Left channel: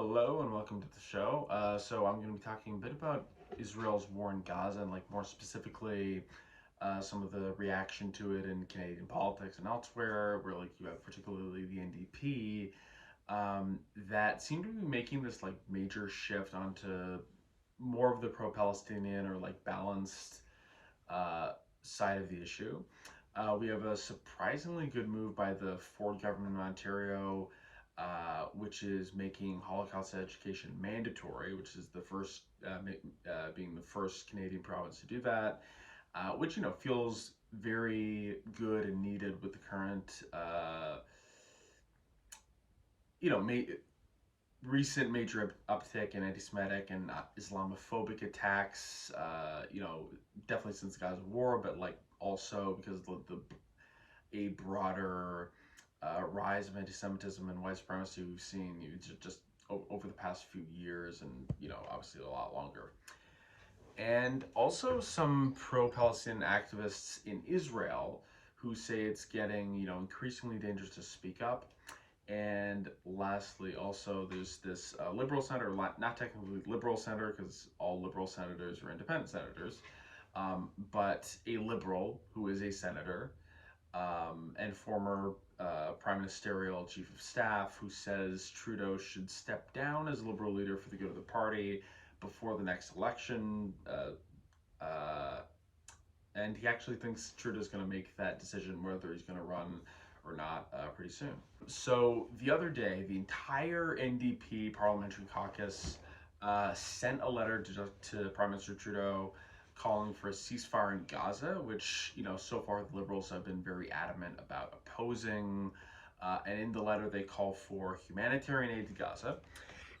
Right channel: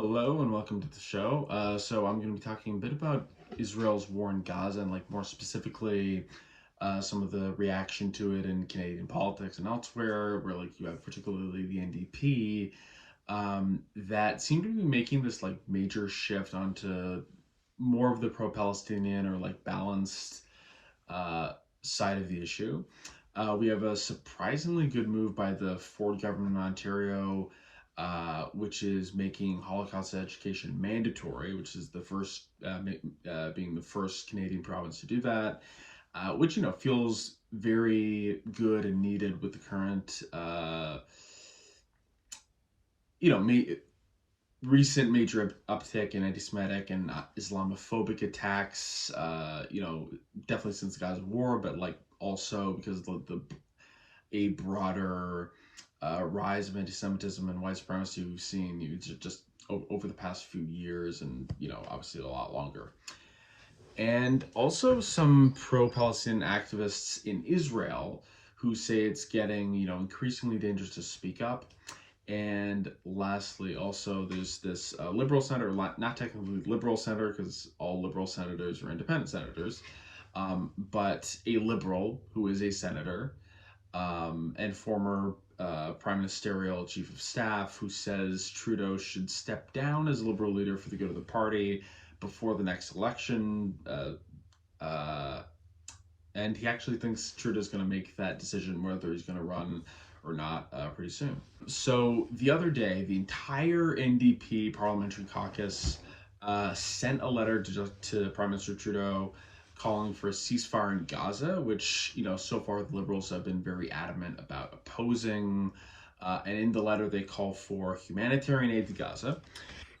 Hello and welcome to the show. So I'm going to be talking a bit about Israel's war in Gaza and more specifically some of the reaction to it in Canadian politics and elsewhere, where you have particularly the NDP that seem to be making this major shift onto more of the pro-Palestinian or balanced side of the issue. We have a surprisingly good move by the Ford government in Ontario, which is making Holocaust education mandatory, which is the first, being the first Canadian province to do that, which feels very good and needed with the current, recent major uptick in anti-Semitic and Islamophobic attacks. Definitely since the Gaza war, but also because of a broader rise of anti-Semitism and white supremacy we've seen just over the past few years, and obviously a lot longer. And also some pro-Palestinian activists in Israel who say it's getting increasingly dangerous to speak up. And lastly, also there's this liberal senator, not technically liberal senator because all liberal senators are independent senators, but a liberal who is a senator and former prime ministerial chief of staff, who says Trudeau should step down as liberal leader for the good of the party before the next election. And he actually thinks Trudeau's going to make that decision whether he's going to run or not pretty soon. So the other day, the entire NDP parliamentary caucus sent a letter to Prime Minister Trudeau calling for a ceasefire in Gaza, which, so far the Liberals have been very adamant about opposing. And in the letter, they call for humanitarian aid to Gaza,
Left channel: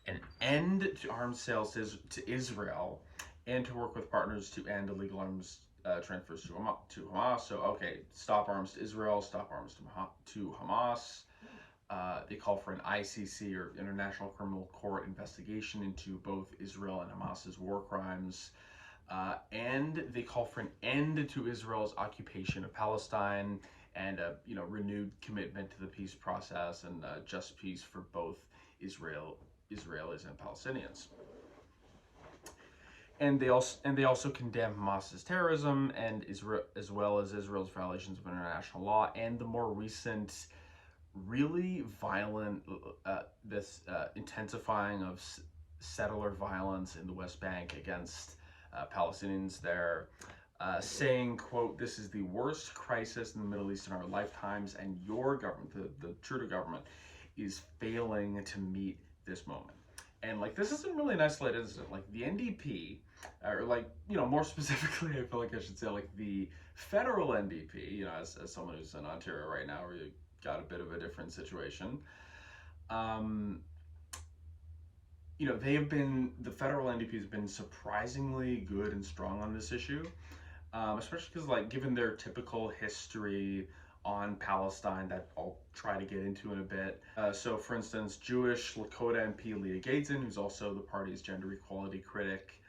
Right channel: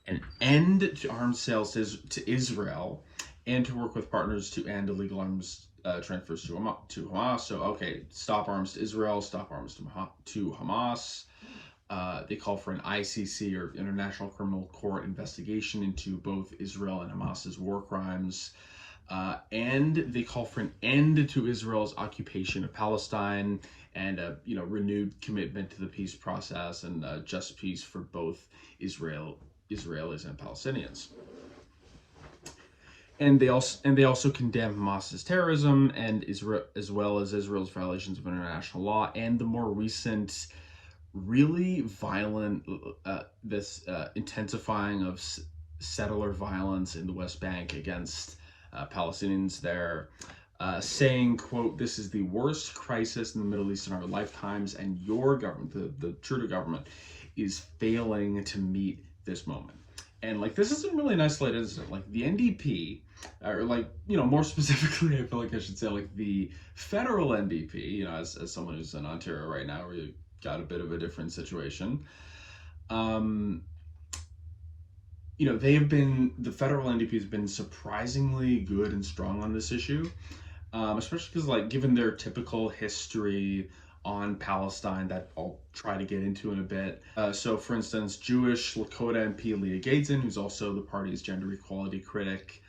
an end to arms sales to Israel, and to work with partners to end illegal arms transfers to Hamas. So, okay, stop arms to Israel, stop arms to Hamas. They call for an ICC, or International Criminal Court, investigation into both Israel and Hamas's war crimes. And they call for an end to Israel's occupation of Palestine and a renewed commitment to the peace process and just peace for both Israelis and Palestinians. And they also condemn Hamas's terrorism and Israel, as well as Israel's violations of international law and the more recent, really violent, intensifying of settler violence in the West Bank against Palestinians there, saying, quote, "This is the worst crisis in the Middle East in our lifetimes, and your government, the Trudeau government, is failing to meet this moment." And this isn't really an isolated incident. The NDP, or more specifically, I feel I should say the federal NDP, as someone who's in Ontario right now, where you got a bit of a different situation. The federal NDP has been surprisingly good and strong on this issue, especially because given their typical history on Palestine that I'll try to get into in a bit. So for instance, Jewish Lakota MP Leah Gaedson, who's also the party's gender equality critic,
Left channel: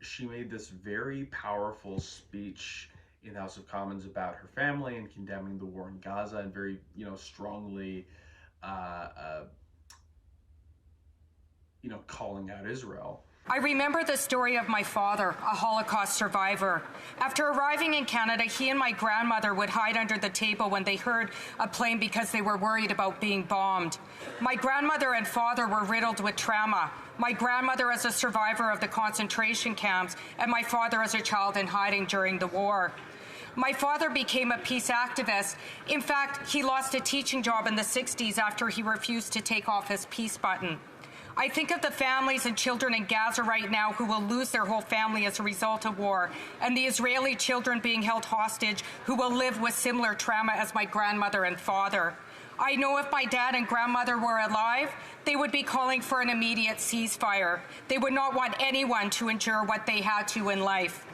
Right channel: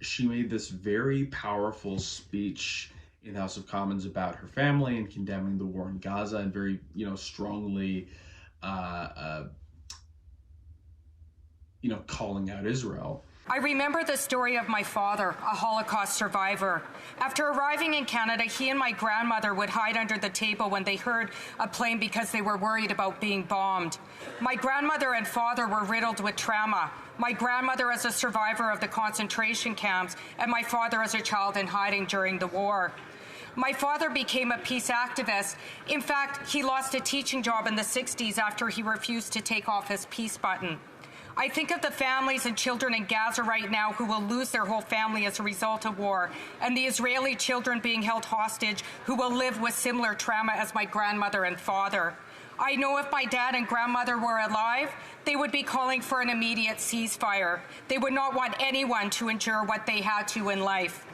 she made this very powerful speech in the House of Commons about her family and condemning the war in Gaza, and very, strongly calling out Israel. I remember the story of my father, a Holocaust survivor. After arriving in Canada, he and my grandmother would hide under the table when they heard a plane because they were worried about being bombed. My grandmother and father were riddled with trauma. My grandmother as a survivor of the concentration camps, and my father as a child in hiding during the war. My father became a peace activist. In fact, he lost a teaching job in the 60s after he refused to take off his peace button. I think of the families and children in Gaza right now who will lose their whole family as a result of war, and the Israeli children being held hostage who will live with similar trauma as my grandmother and father. I know if my dad and grandmother were alive, they would be calling for an immediate ceasefire. They would not want anyone to endure what they had to in life.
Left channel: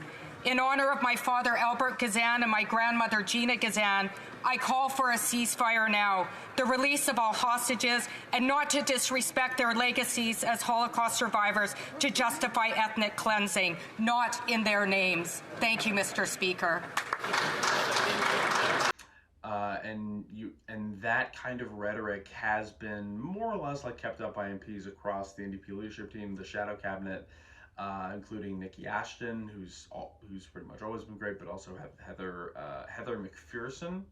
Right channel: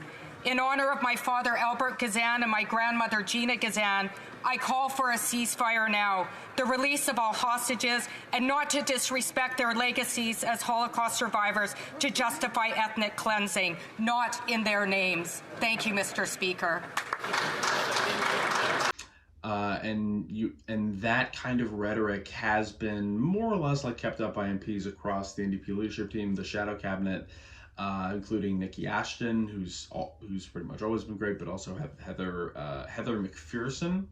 In honor of my father, Albert Gazan, and my grandmother, Gina Gazan, I call for a ceasefire now, the release of all hostages, and not to disrespect their legacies as Holocaust survivors to justify ethnic cleansing, not in their names. Thank you, Mr. Speaker. and that kind of rhetoric has been more or less like kept up by MPs across the NDP leadership team, the shadow cabinet, including Nikki Ashton, who's pretty much always been great, but also have Heather McPherson,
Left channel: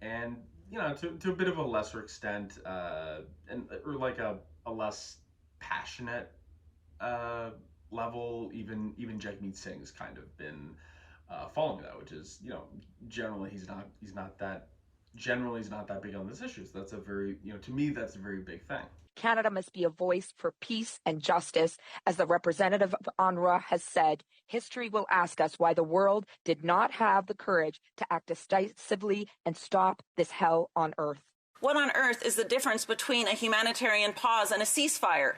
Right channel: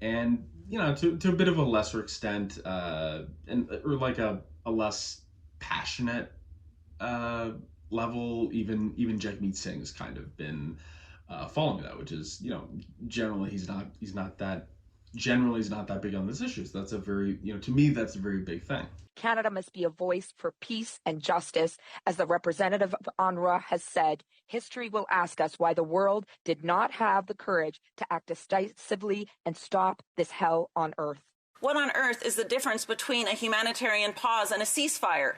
and to a bit of a lesser extent, or like a less passionate level, even Jagmeet Singh has kind of been following that, which is generally he's not that big on this issue. So that's a very to me that's a very big thing. Canada must be a voice for peace and justice. As the representative of UNRWA has said, history will ask us why the world did not have the courage to act decisively and stop this hell on earth. What on earth is the difference between a humanitarian pause and a ceasefire?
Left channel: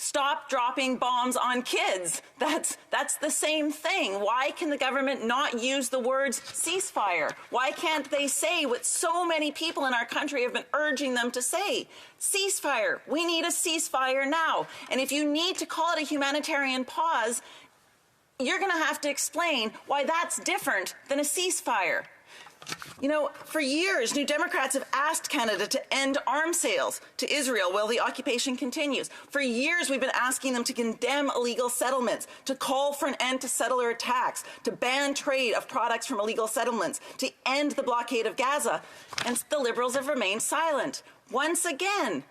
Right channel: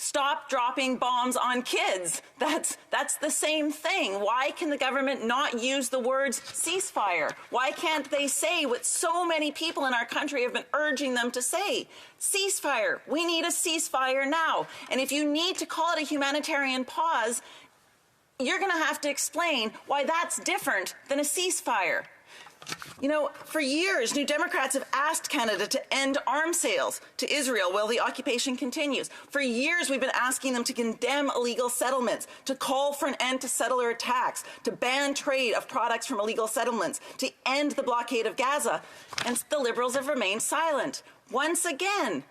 Stop dropping bombs on kids. That's the same thing. Why can the government not use the words ceasefire? Why can't they say what so many people in our country have been urging them to say? Ceasefire. We need a ceasefire now. And if you need to call it a humanitarian pause, you're going to have to explain why that's different than a ceasefire. For years, New Democrats have asked Canada to end arms sales to Israel while the occupation continues. For years, we've been asking them to condemn illegal settlements, to call for an end to settler attacks, to ban trade of products from illegal settlements, to end the blockade of Gaza. And the Liberals have remained silent. Once again,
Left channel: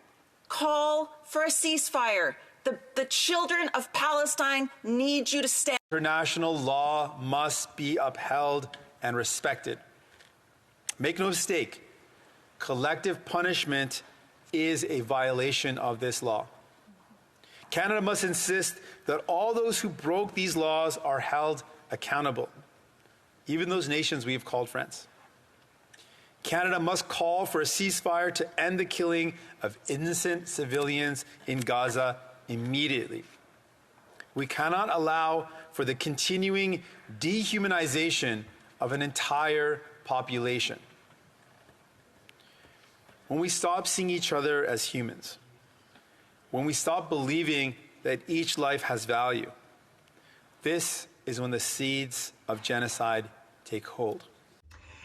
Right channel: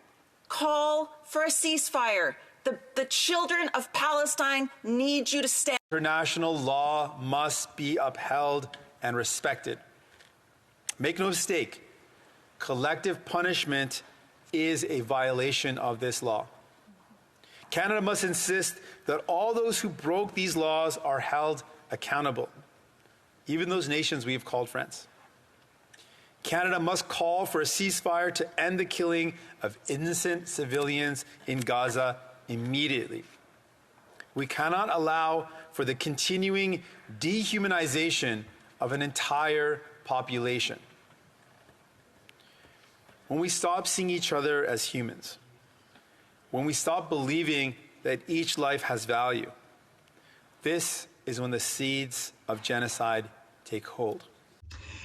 call for a ceasefire. The children of Palestine need you to stand. International law must be upheld and respected. Make no mistake, collective punishment is a violation of this law. Canada must insist that all those who broke these laws are held accountable, even those nations we have called friends. Canada must call for a ceasefire to end the killing of innocent civilians in Gaza immediately. We cannot allow for the continuing dehumanization of an entire population. When we stop seeing each other as humans, when we stop believing that each life has value, this is when the seeds of genocide take hold.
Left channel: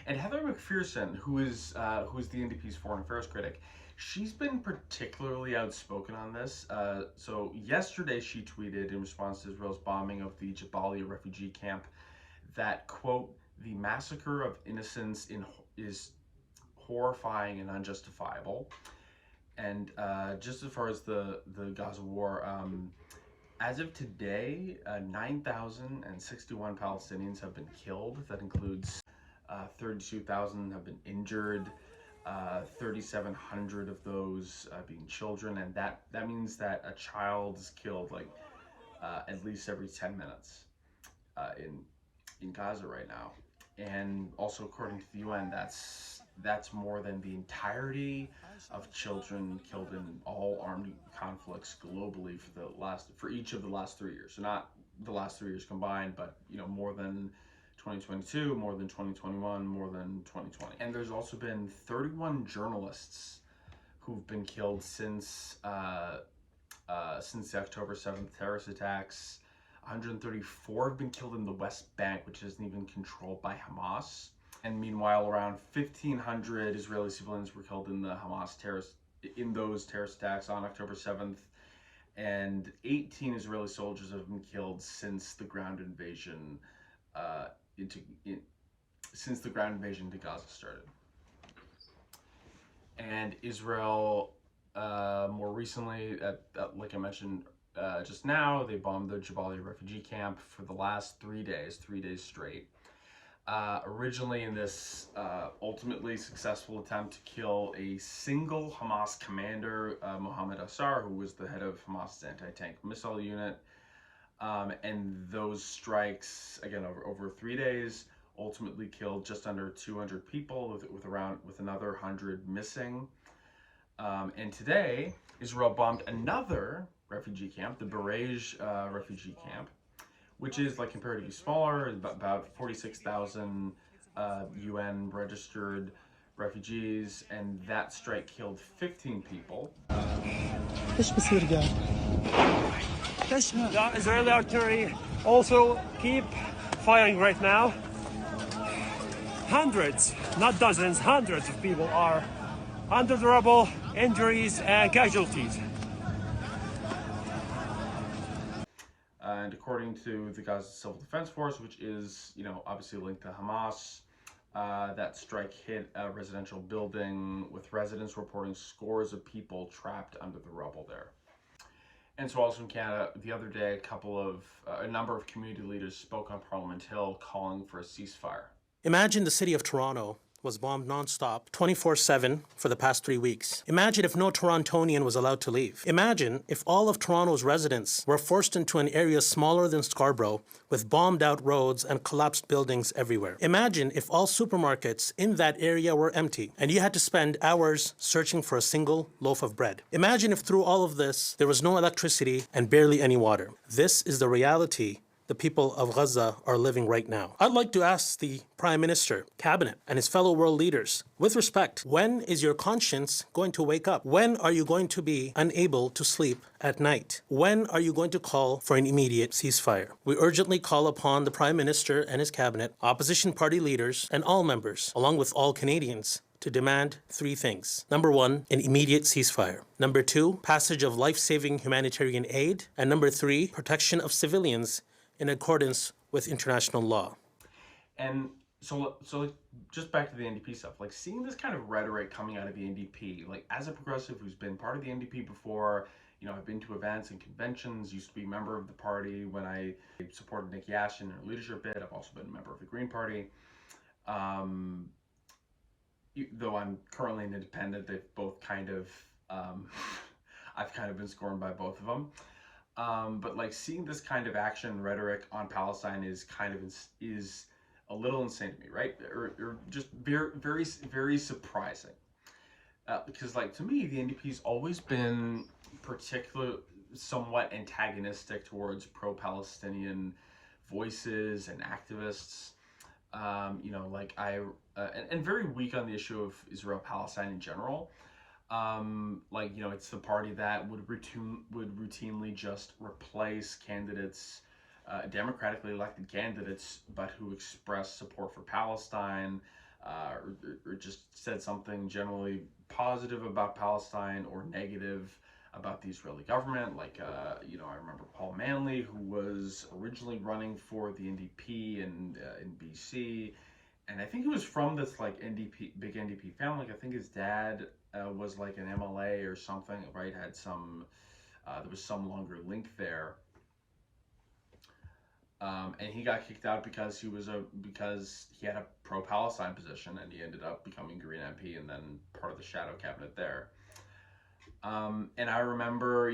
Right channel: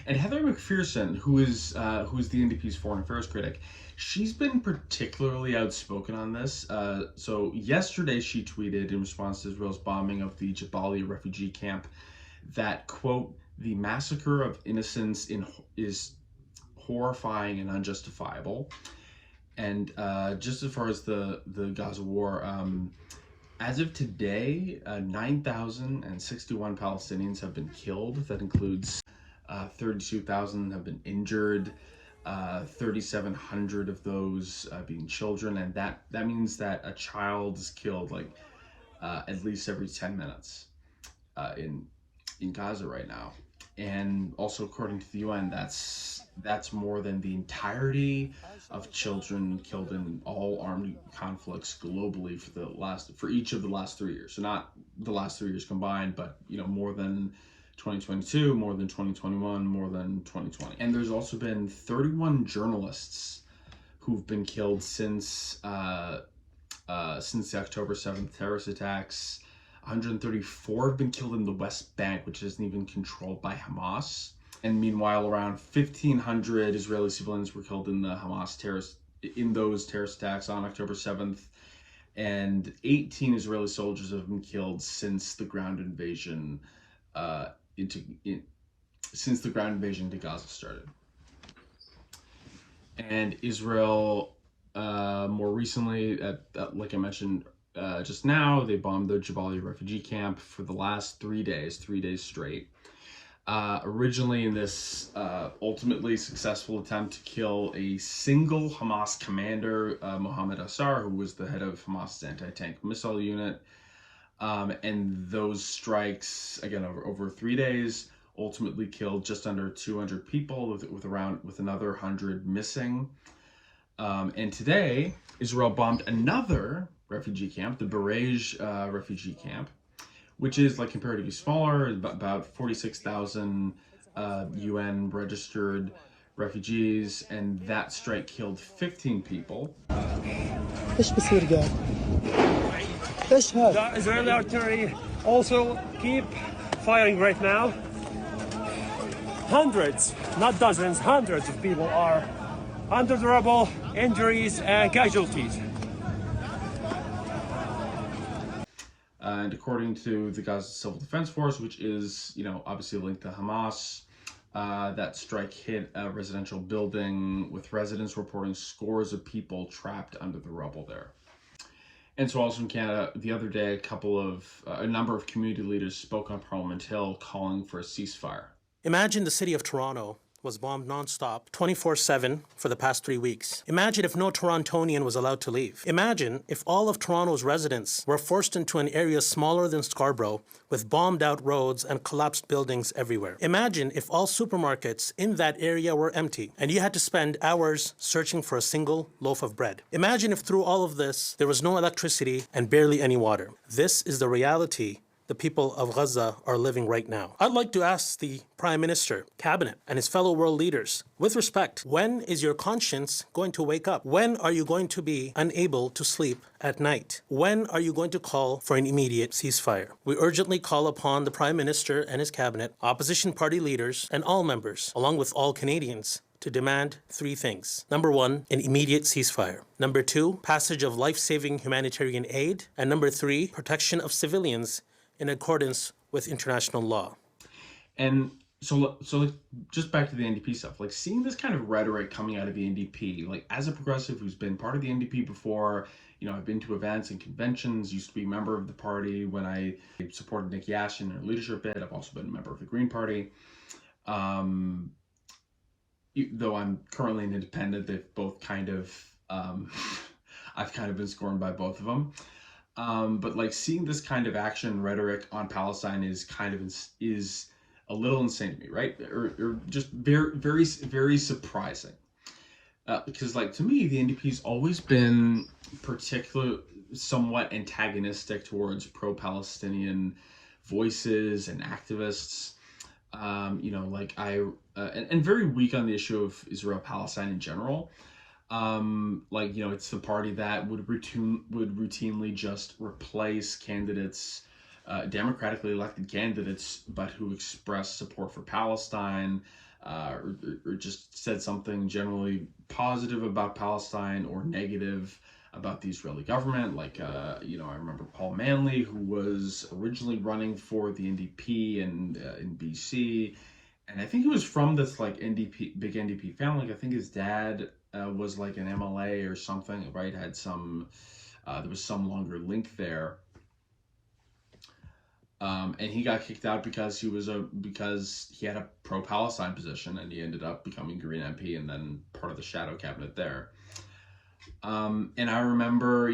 And Heather McPherson, who is the NDP's foreign affairs critic, she's been particularly outspoken on this. So yesterday she tweeted in response to Israel's bombing of the Jabalia refugee camp that, quote, "The massacre of innocents is horrifying and unjustifiable." And just as far as the Gaza war, as of today, 9,061 Palestinians have been killed. That includes 32,000 have been injured, 3,700 of those being children, and that means that a child is killed at least every 10 minutes in Gaza right now. And also, according to the UN, that's more than the entirety of children killed in all armed conflicts globally for each of the last 3 years. So not the last 3 years combined, but more than 2022, more than 2021, more than 2020. And there's also been 31 journalists who've been killed since the October 7th terrorist attacks. 134 have been killed in the West Bank, which isn't even controlled by Hamas. And meanwhile, around 1,500 Israeli civilians were killed in those terrorist attacks on October 7th, and 18 Israeli soldiers have been killed since the ground invasion to Gaza started. And Israel, more recently, like I mentioned just now, they bombed the Jabalia refugee camp for the last 3 days straight. Originally in this ultimately successful attempt to kill a single Hamas commander, Mohammed Assar, who was the head of Hamas's anti-tank missile unit. And those strikes, again, over 3 days, ultimately killed just under 200 people, with another 100 missing. And today, Israel bombed another refugee camp, the Barej refugee camp, which is comparatively smaller, about 46,000 UN registered refugees, and that strike killed 15 people. The Israeli artillery also keep firing right now. Hundreds not dozens, hundreds of people are under the rubble, injuries and casualties. And according to the Gaza Civil Defense Force, which is, obviously linked to Hamas, that strike hit a residential building with residents reporting scores of people trapped under the rubble there. And so also in Canada, the other day, a number of community leaders spoke on Parliament Hill calling for a ceasefire. Imagine the city of Toronto was bombed nonstop 24/7 for the past 3 weeks. Imagine if no Torontonian was allowed to leave. Imagine if all of Toronto's residents were forced into an area smaller than Scarborough with bombed out roads and collapsed buildings everywhere. Imagine if all supermarkets in that area were empty and you had to spend hours searching for a single loaf of bread. Imagine if through all of this there was no electricity and barely any water. This is the reality the people of Gaza are living right now. I'd like to ask the Prime Minister, Cabinet, and his fellow world leaders, with respect, when is your conscience going to wake up? When are you going to be unable to sleep at night? When are you going to call for an immediate ceasefire? We urgently call upon the Prime Minister and his Cabinet, opposition party leaders, and all members, along with all Canadians, to demand 3 things. Number 1, an immediate ceasefire. Number 2, passage of life-saving humanitarian aid. And number 3, protection of civilians in accordance with international law. And so just back to the NDP stuff, seeing this kind of rhetoric coming out of the NDP, as a progressive who's been part of the NDP before, I've been to events and conventions, used to be a member of the party when I supported Nikki Ashton in her leadership bid. I've also been a member of the Green Party. Though I'm currently an independent, they've both kind of, I've kind of been scorned by both of them. But seeing this kind of action and rhetoric on Palestine is is a little insane to me, right? Or just very, very, very surprising. Because to me, the NDP's always been somewhat antagonistic towards pro-Palestinian voices and activists. And very weak on the issue of Israel-Palestine in general. It's the party that would routinely just replace candidates, democratically elected candidates, but who express support for Palestine, or just said something generally positive about Palestine or negative about the Israeli government. I remember Paul Manley, who was originally running for the NDP and in BC, and I think he was from this big NDP family. I think his dad was an MLA or something, right? Had some, there was some longer link there. And he got kicked out because he had a pro-Palestine position, and he ended up becoming Green MP and then part of the shadow cabinet there. And I remember,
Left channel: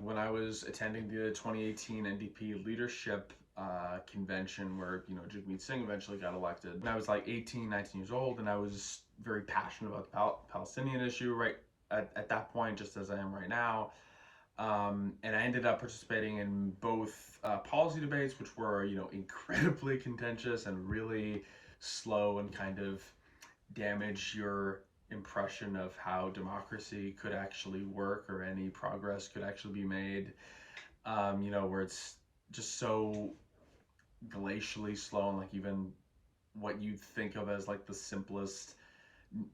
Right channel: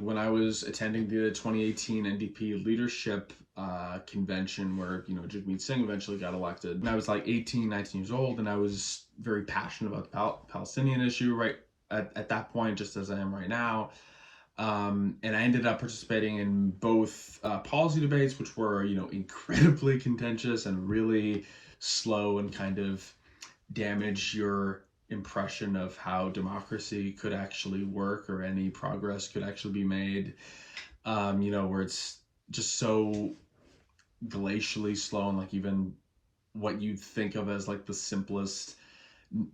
when I was attending the 2018 NDP leadership convention where, Jagmeet Singh eventually got elected. And I was 18, 19 years old, and I was very passionate about the Palestinian issue right at that point, just as I am right now. And I ended up participating in both policy debates, which were, incredibly contentious and really slow and kind of damage your impression of how democracy could actually work or any progress could actually be made, where it's just so glacially slow, and even what you'd think of as the simplest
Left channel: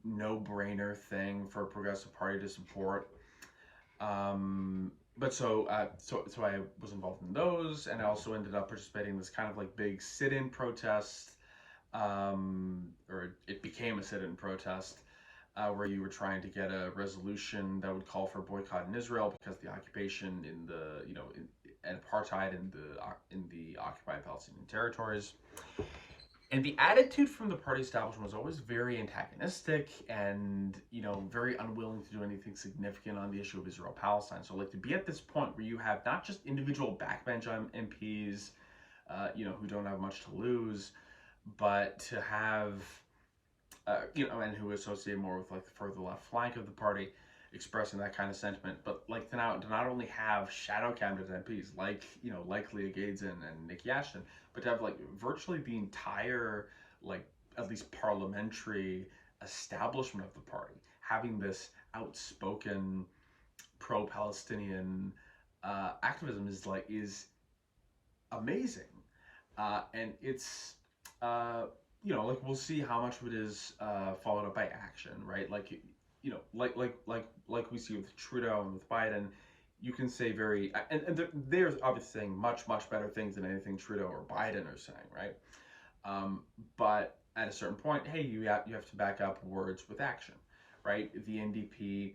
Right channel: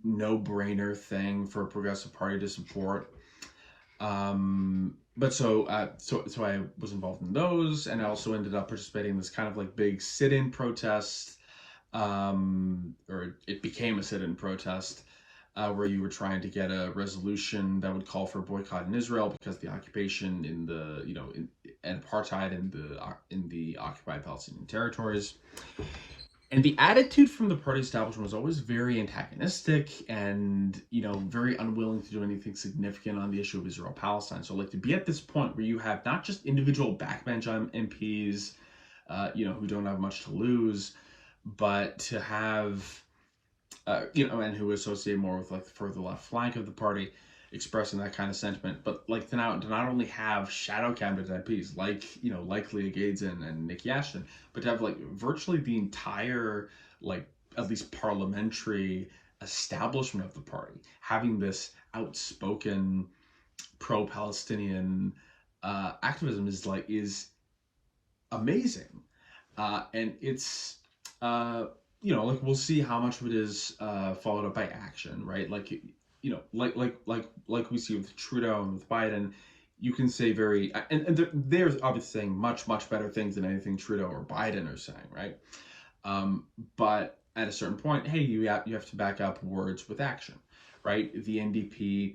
no-brainer thing for a progressive party to support. But so I was involved in those, and I also ended up participating in this kind of big sit-in protest, or it became a sit-in protest, where you were trying to get a resolution that would call for boycott in Israel because the occupation and apartheid in the occupied Palestinian territories. And the attitude from the party establishment was always very antagonistic and, very unwilling to do anything significant on the issue of Israel-Palestine. So, to be at this point where you have not just individual backbench MPs, who don't have much to lose, but to have, and who associate more with, the further left flank of the party, expressing that kind of sentiment, but to not only have shadow cabinet MPs like Leah Gaedzen and Nikki Ashton, but to have virtually the entire at least parliamentary establishment of the party having this outspoken pro-Palestinian activism is amazing, and it's like we'll see how much of it is followed up by action, right? Like, like we see with Trudeau and with Biden, you can say and they're obviously saying much better things than anything Trudeau or Biden are saying, right? But at a certain point, hey, you have to back up words with action, right? The NDP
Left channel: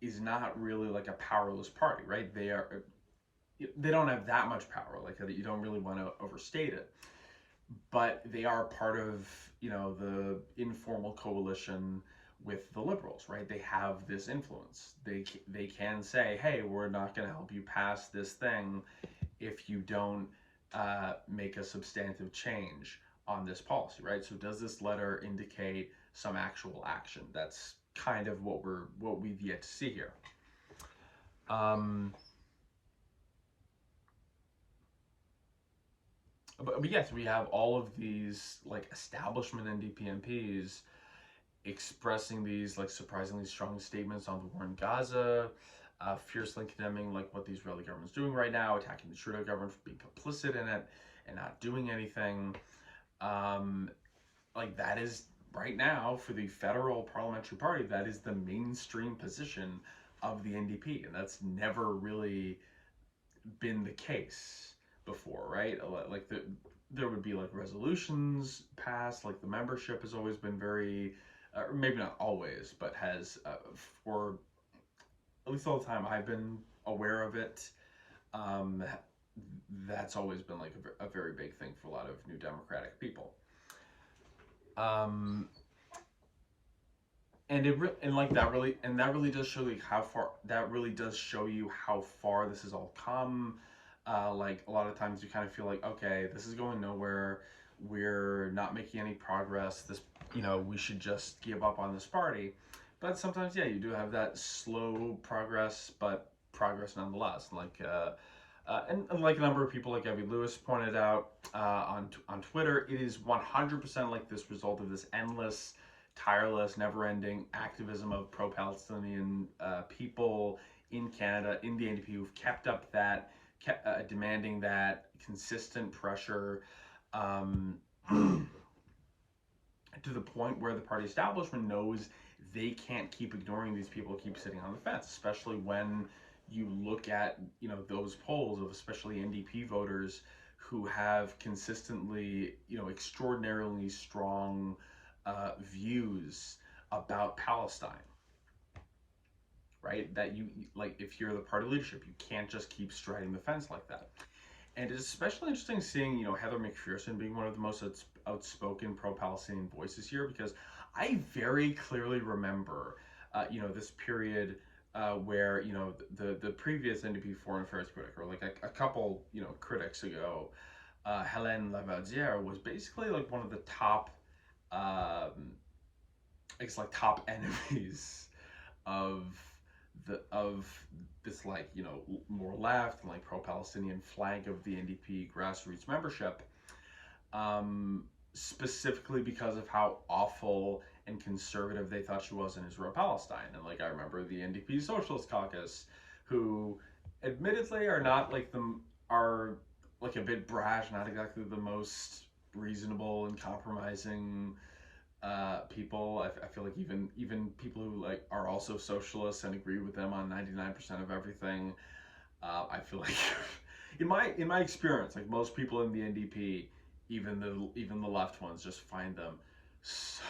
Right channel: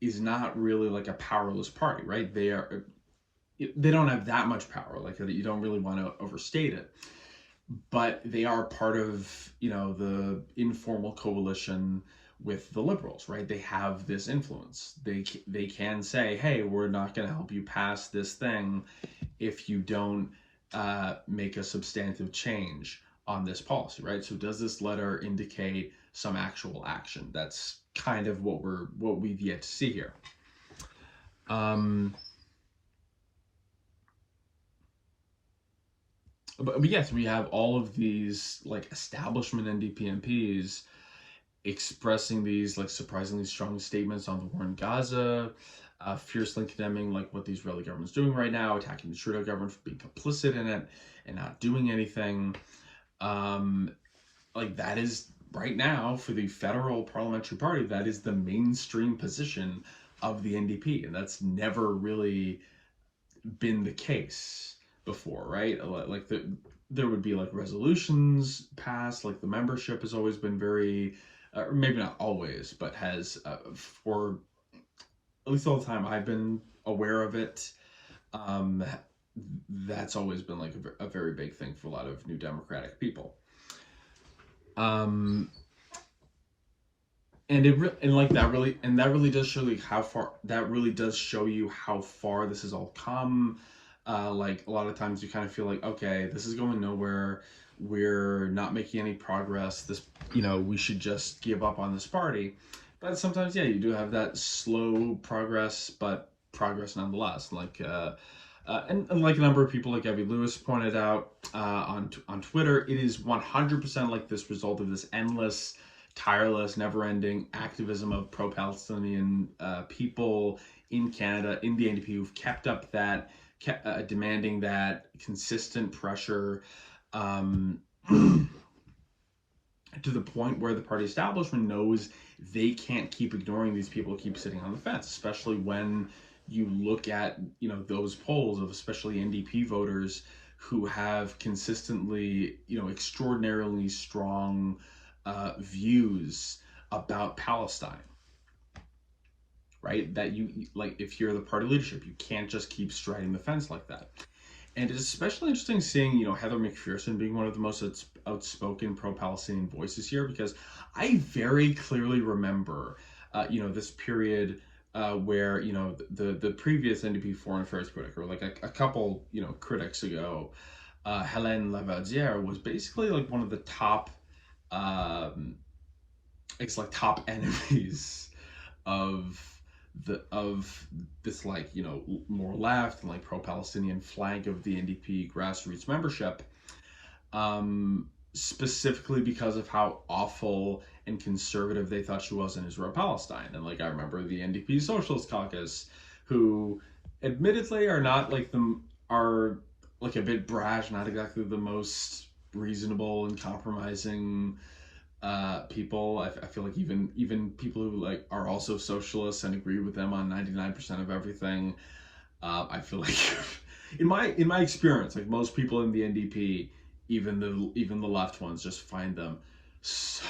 is not really like a powerless party, right? They don't have that much power, like you don't really want to overstate it, but they are part of the informal coalition with the Liberals, right? They have this influence. They can say, hey, we're not going to help you pass this thing if you don't make a substantive change on this policy, right? So does this letter indicate some actual action? That's kind of what we've yet to see here. But yes, we have all of these like establishment NDP MPs expressing these like surprisingly strong statements on the war in Gaza, fiercely condemning like what the Israeli government's doing right now, attacking the Trudeau government for being complicit in it and not doing anything. Like that is right now for the federal parliamentary party, that is the mainstream position of the NDP, and that's never really been the case before, right? Like there would be like resolutions passed, like the membership has always been very, or maybe not always, but has for at least all the time I've been aware of it, that's always been like a very big thing for a lot of New Democratic people. And that really does show you how far this has all come. Like a lot of times you kind of feel like, okay, this is going nowhere. We're not making any progress. This, we should just give up on this party. But sometimes, yeah, you do have that slow progress, but progress nonetheless. Like, and like a number of people, like Evie Lewis pointed out on Twitter, it is 100% like this result of this endless, tireless, never-ending activism of pro-Palestinian people in Canada, in the NDP, who've kept up that, demanding that consistent pressure to the point where the party establishment knows they can't keep ignoring these people who keep sitting on the fence, especially when you look at those polls of especially NDP voters who have consistently extraordinarily strong views about Palestine, right? That you like, if you're the party leadership, you can't just keep striding the fence like that. And it's especially interesting seeing Heather McPherson being one of the most outspoken pro-Palestinian voices here, because I very clearly remember this period where the previous NDP foreign affairs critic, or like a couple critics ago, Hélène Lavaudière, was basically like one of the top top enemies of this like more left and like pro-Palestinian flank of the NDP grassroots membership, specifically because of how awful and conservative they thought she was in Israel-Palestine. And like I remember the NDP Socialist Caucus, who admittedly are like a bit brash, not exactly the most reasonable and compromising people. I feel like even people who like are also socialists and agree with them on 99% of everything, I feel like in my experience, like most people in the NDP, even the left ones, just find them so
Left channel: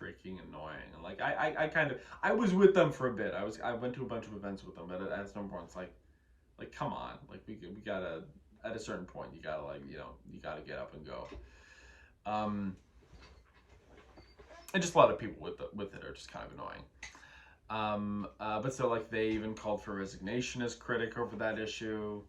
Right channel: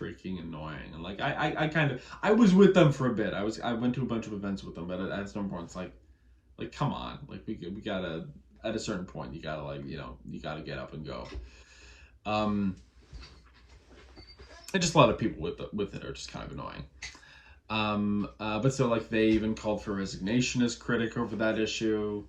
freaking annoying. And like I was with them for a bit. I went to a bunch of events with them, but at some point it's like come on, like we gotta, at a certain point you gotta you gotta get up and go. And just a lot of people with it are just kind of annoying. But so like they even called for resignation as critic over that issue.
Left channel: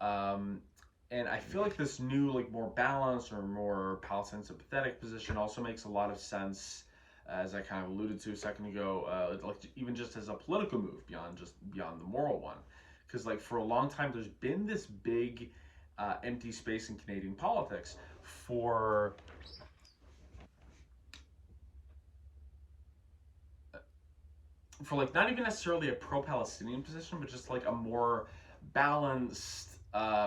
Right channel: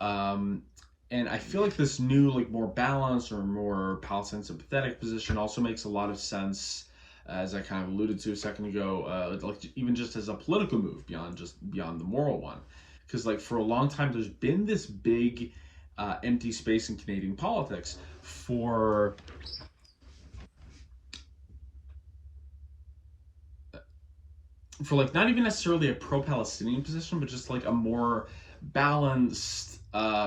And I feel like this new like more balanced or more Palestine sympathetic position also makes a lot of sense, as I kind of alluded to a second ago, like even just as a political move beyond the moral one. Because like for a long time there's been this big empty space in Canadian politics for like not even necessarily a pro-Palestinian position, but just like a more balanced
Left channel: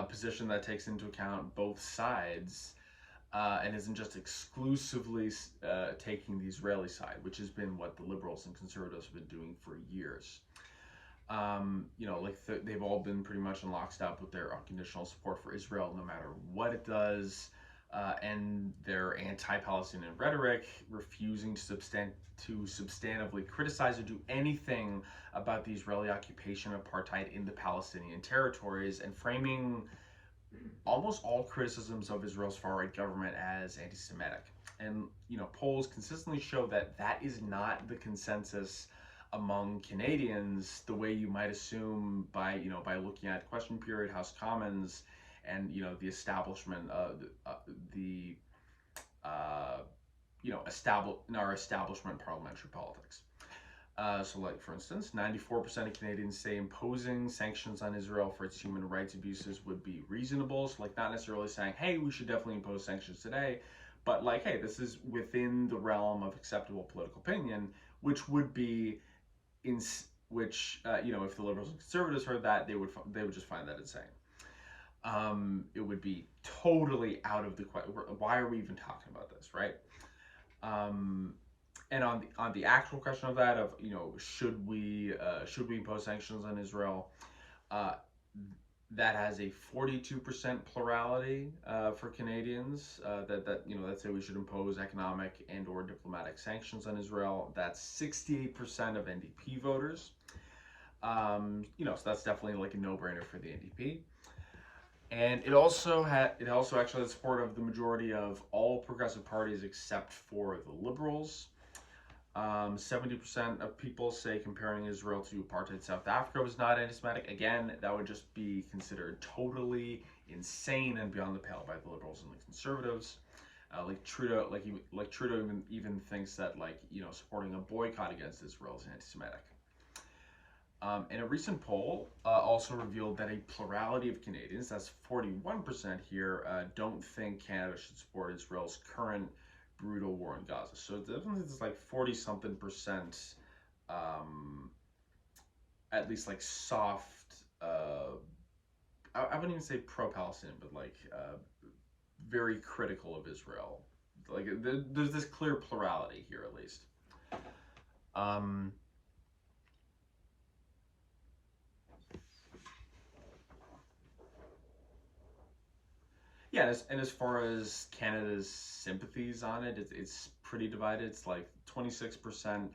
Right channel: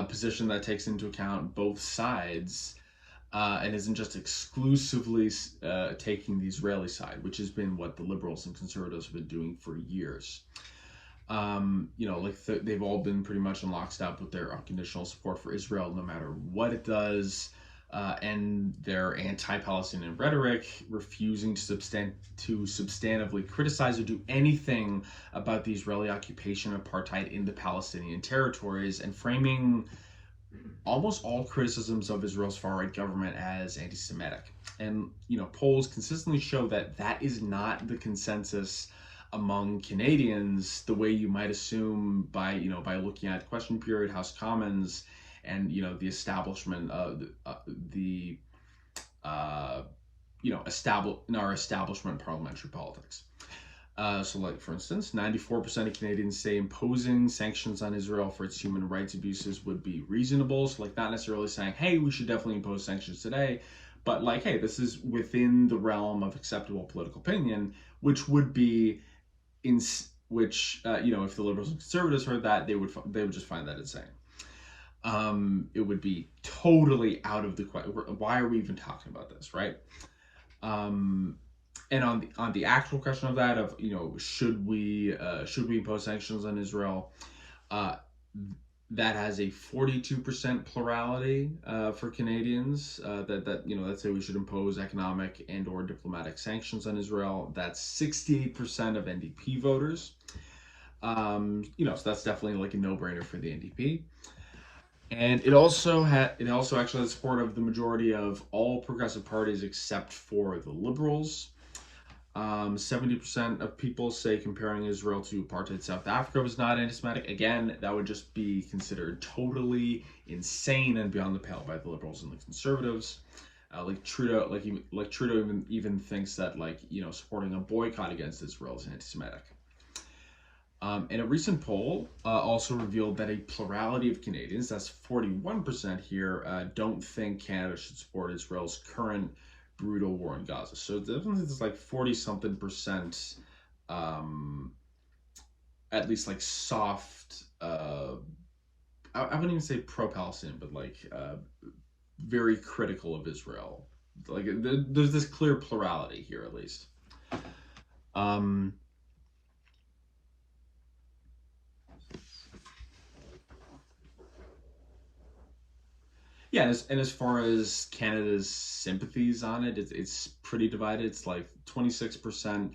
position that takes into account both sides and isn't just exclusively taking the Israeli side, which has been what the liberals and conservatives have been doing for years. They've all been pretty much in lockstep with their unconditional support for Israel, no matter what it does, and their anti-Palestinian rhetoric, refusing to substantively criticize or do anything about the Israeli occupation of apartheid in the Palestinian territories, and framing almost all criticisms of Israel's far-right government as anti-Semitic. And, polls consistently show that that is not the consensus among Canadians, the way you might assume by looking at question period, House Commons, and the establishment of in our establishment parliamentary politics. So, like, for instance, 94% of Canadians say imposing sanctions on Israel for its human rights abuses would be reasonable. So, like, not necessarily saying, hey, we should definitely impose sanctions today, but like, hey, this is within the realm of acceptable political opinion, which would be if the liberals and conservatives heard that, they would just find that insane. It would be totally out of the question. Why are we even talking about this, right? And on the actual question of that, of should we impose sanctions on Israel, that has a 42% plurality for Canadians that say we should impose economic and or diplomatic sanctions on Israel. That's 68% of NDP voters. So that's definitely like a no-brainer for the NDP. And it also actually has support of the majority of all progressive parties except for the Liberals. 70% of people say comparing Israel to apartheid South Africa was not anti-Semitic. Again, that would just be considered totally insane and beyond the pale by the Liberals and the Conservatives. Trudeau even thinks that supporting a boycott against Israel is anti-Semitic. And a recent poll also revealed that a plurality of Canadians, that's 41% here, don't think Canada should support Israel's current brutal war in Gaza. So definitely it's like 40-something%, at least like soft, I wouldn't even say pro-Palestinian, but very critical of Israel. Like there's this clear plurality here, at least. Yeah, and as far as Canada's sympathies on it, it's pretty divided. It's like 26%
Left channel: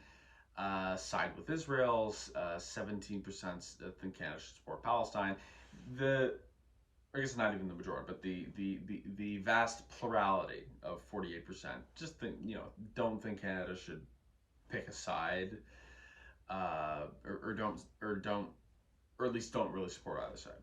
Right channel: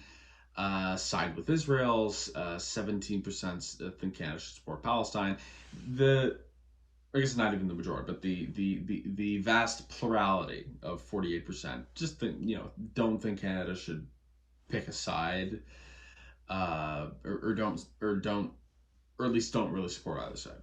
side with Israel, 17% think Canada should support Palestine. I guess not even the majority, but the vast plurality of 48% just don't think Canada should pick a side, or at least don't really support either side.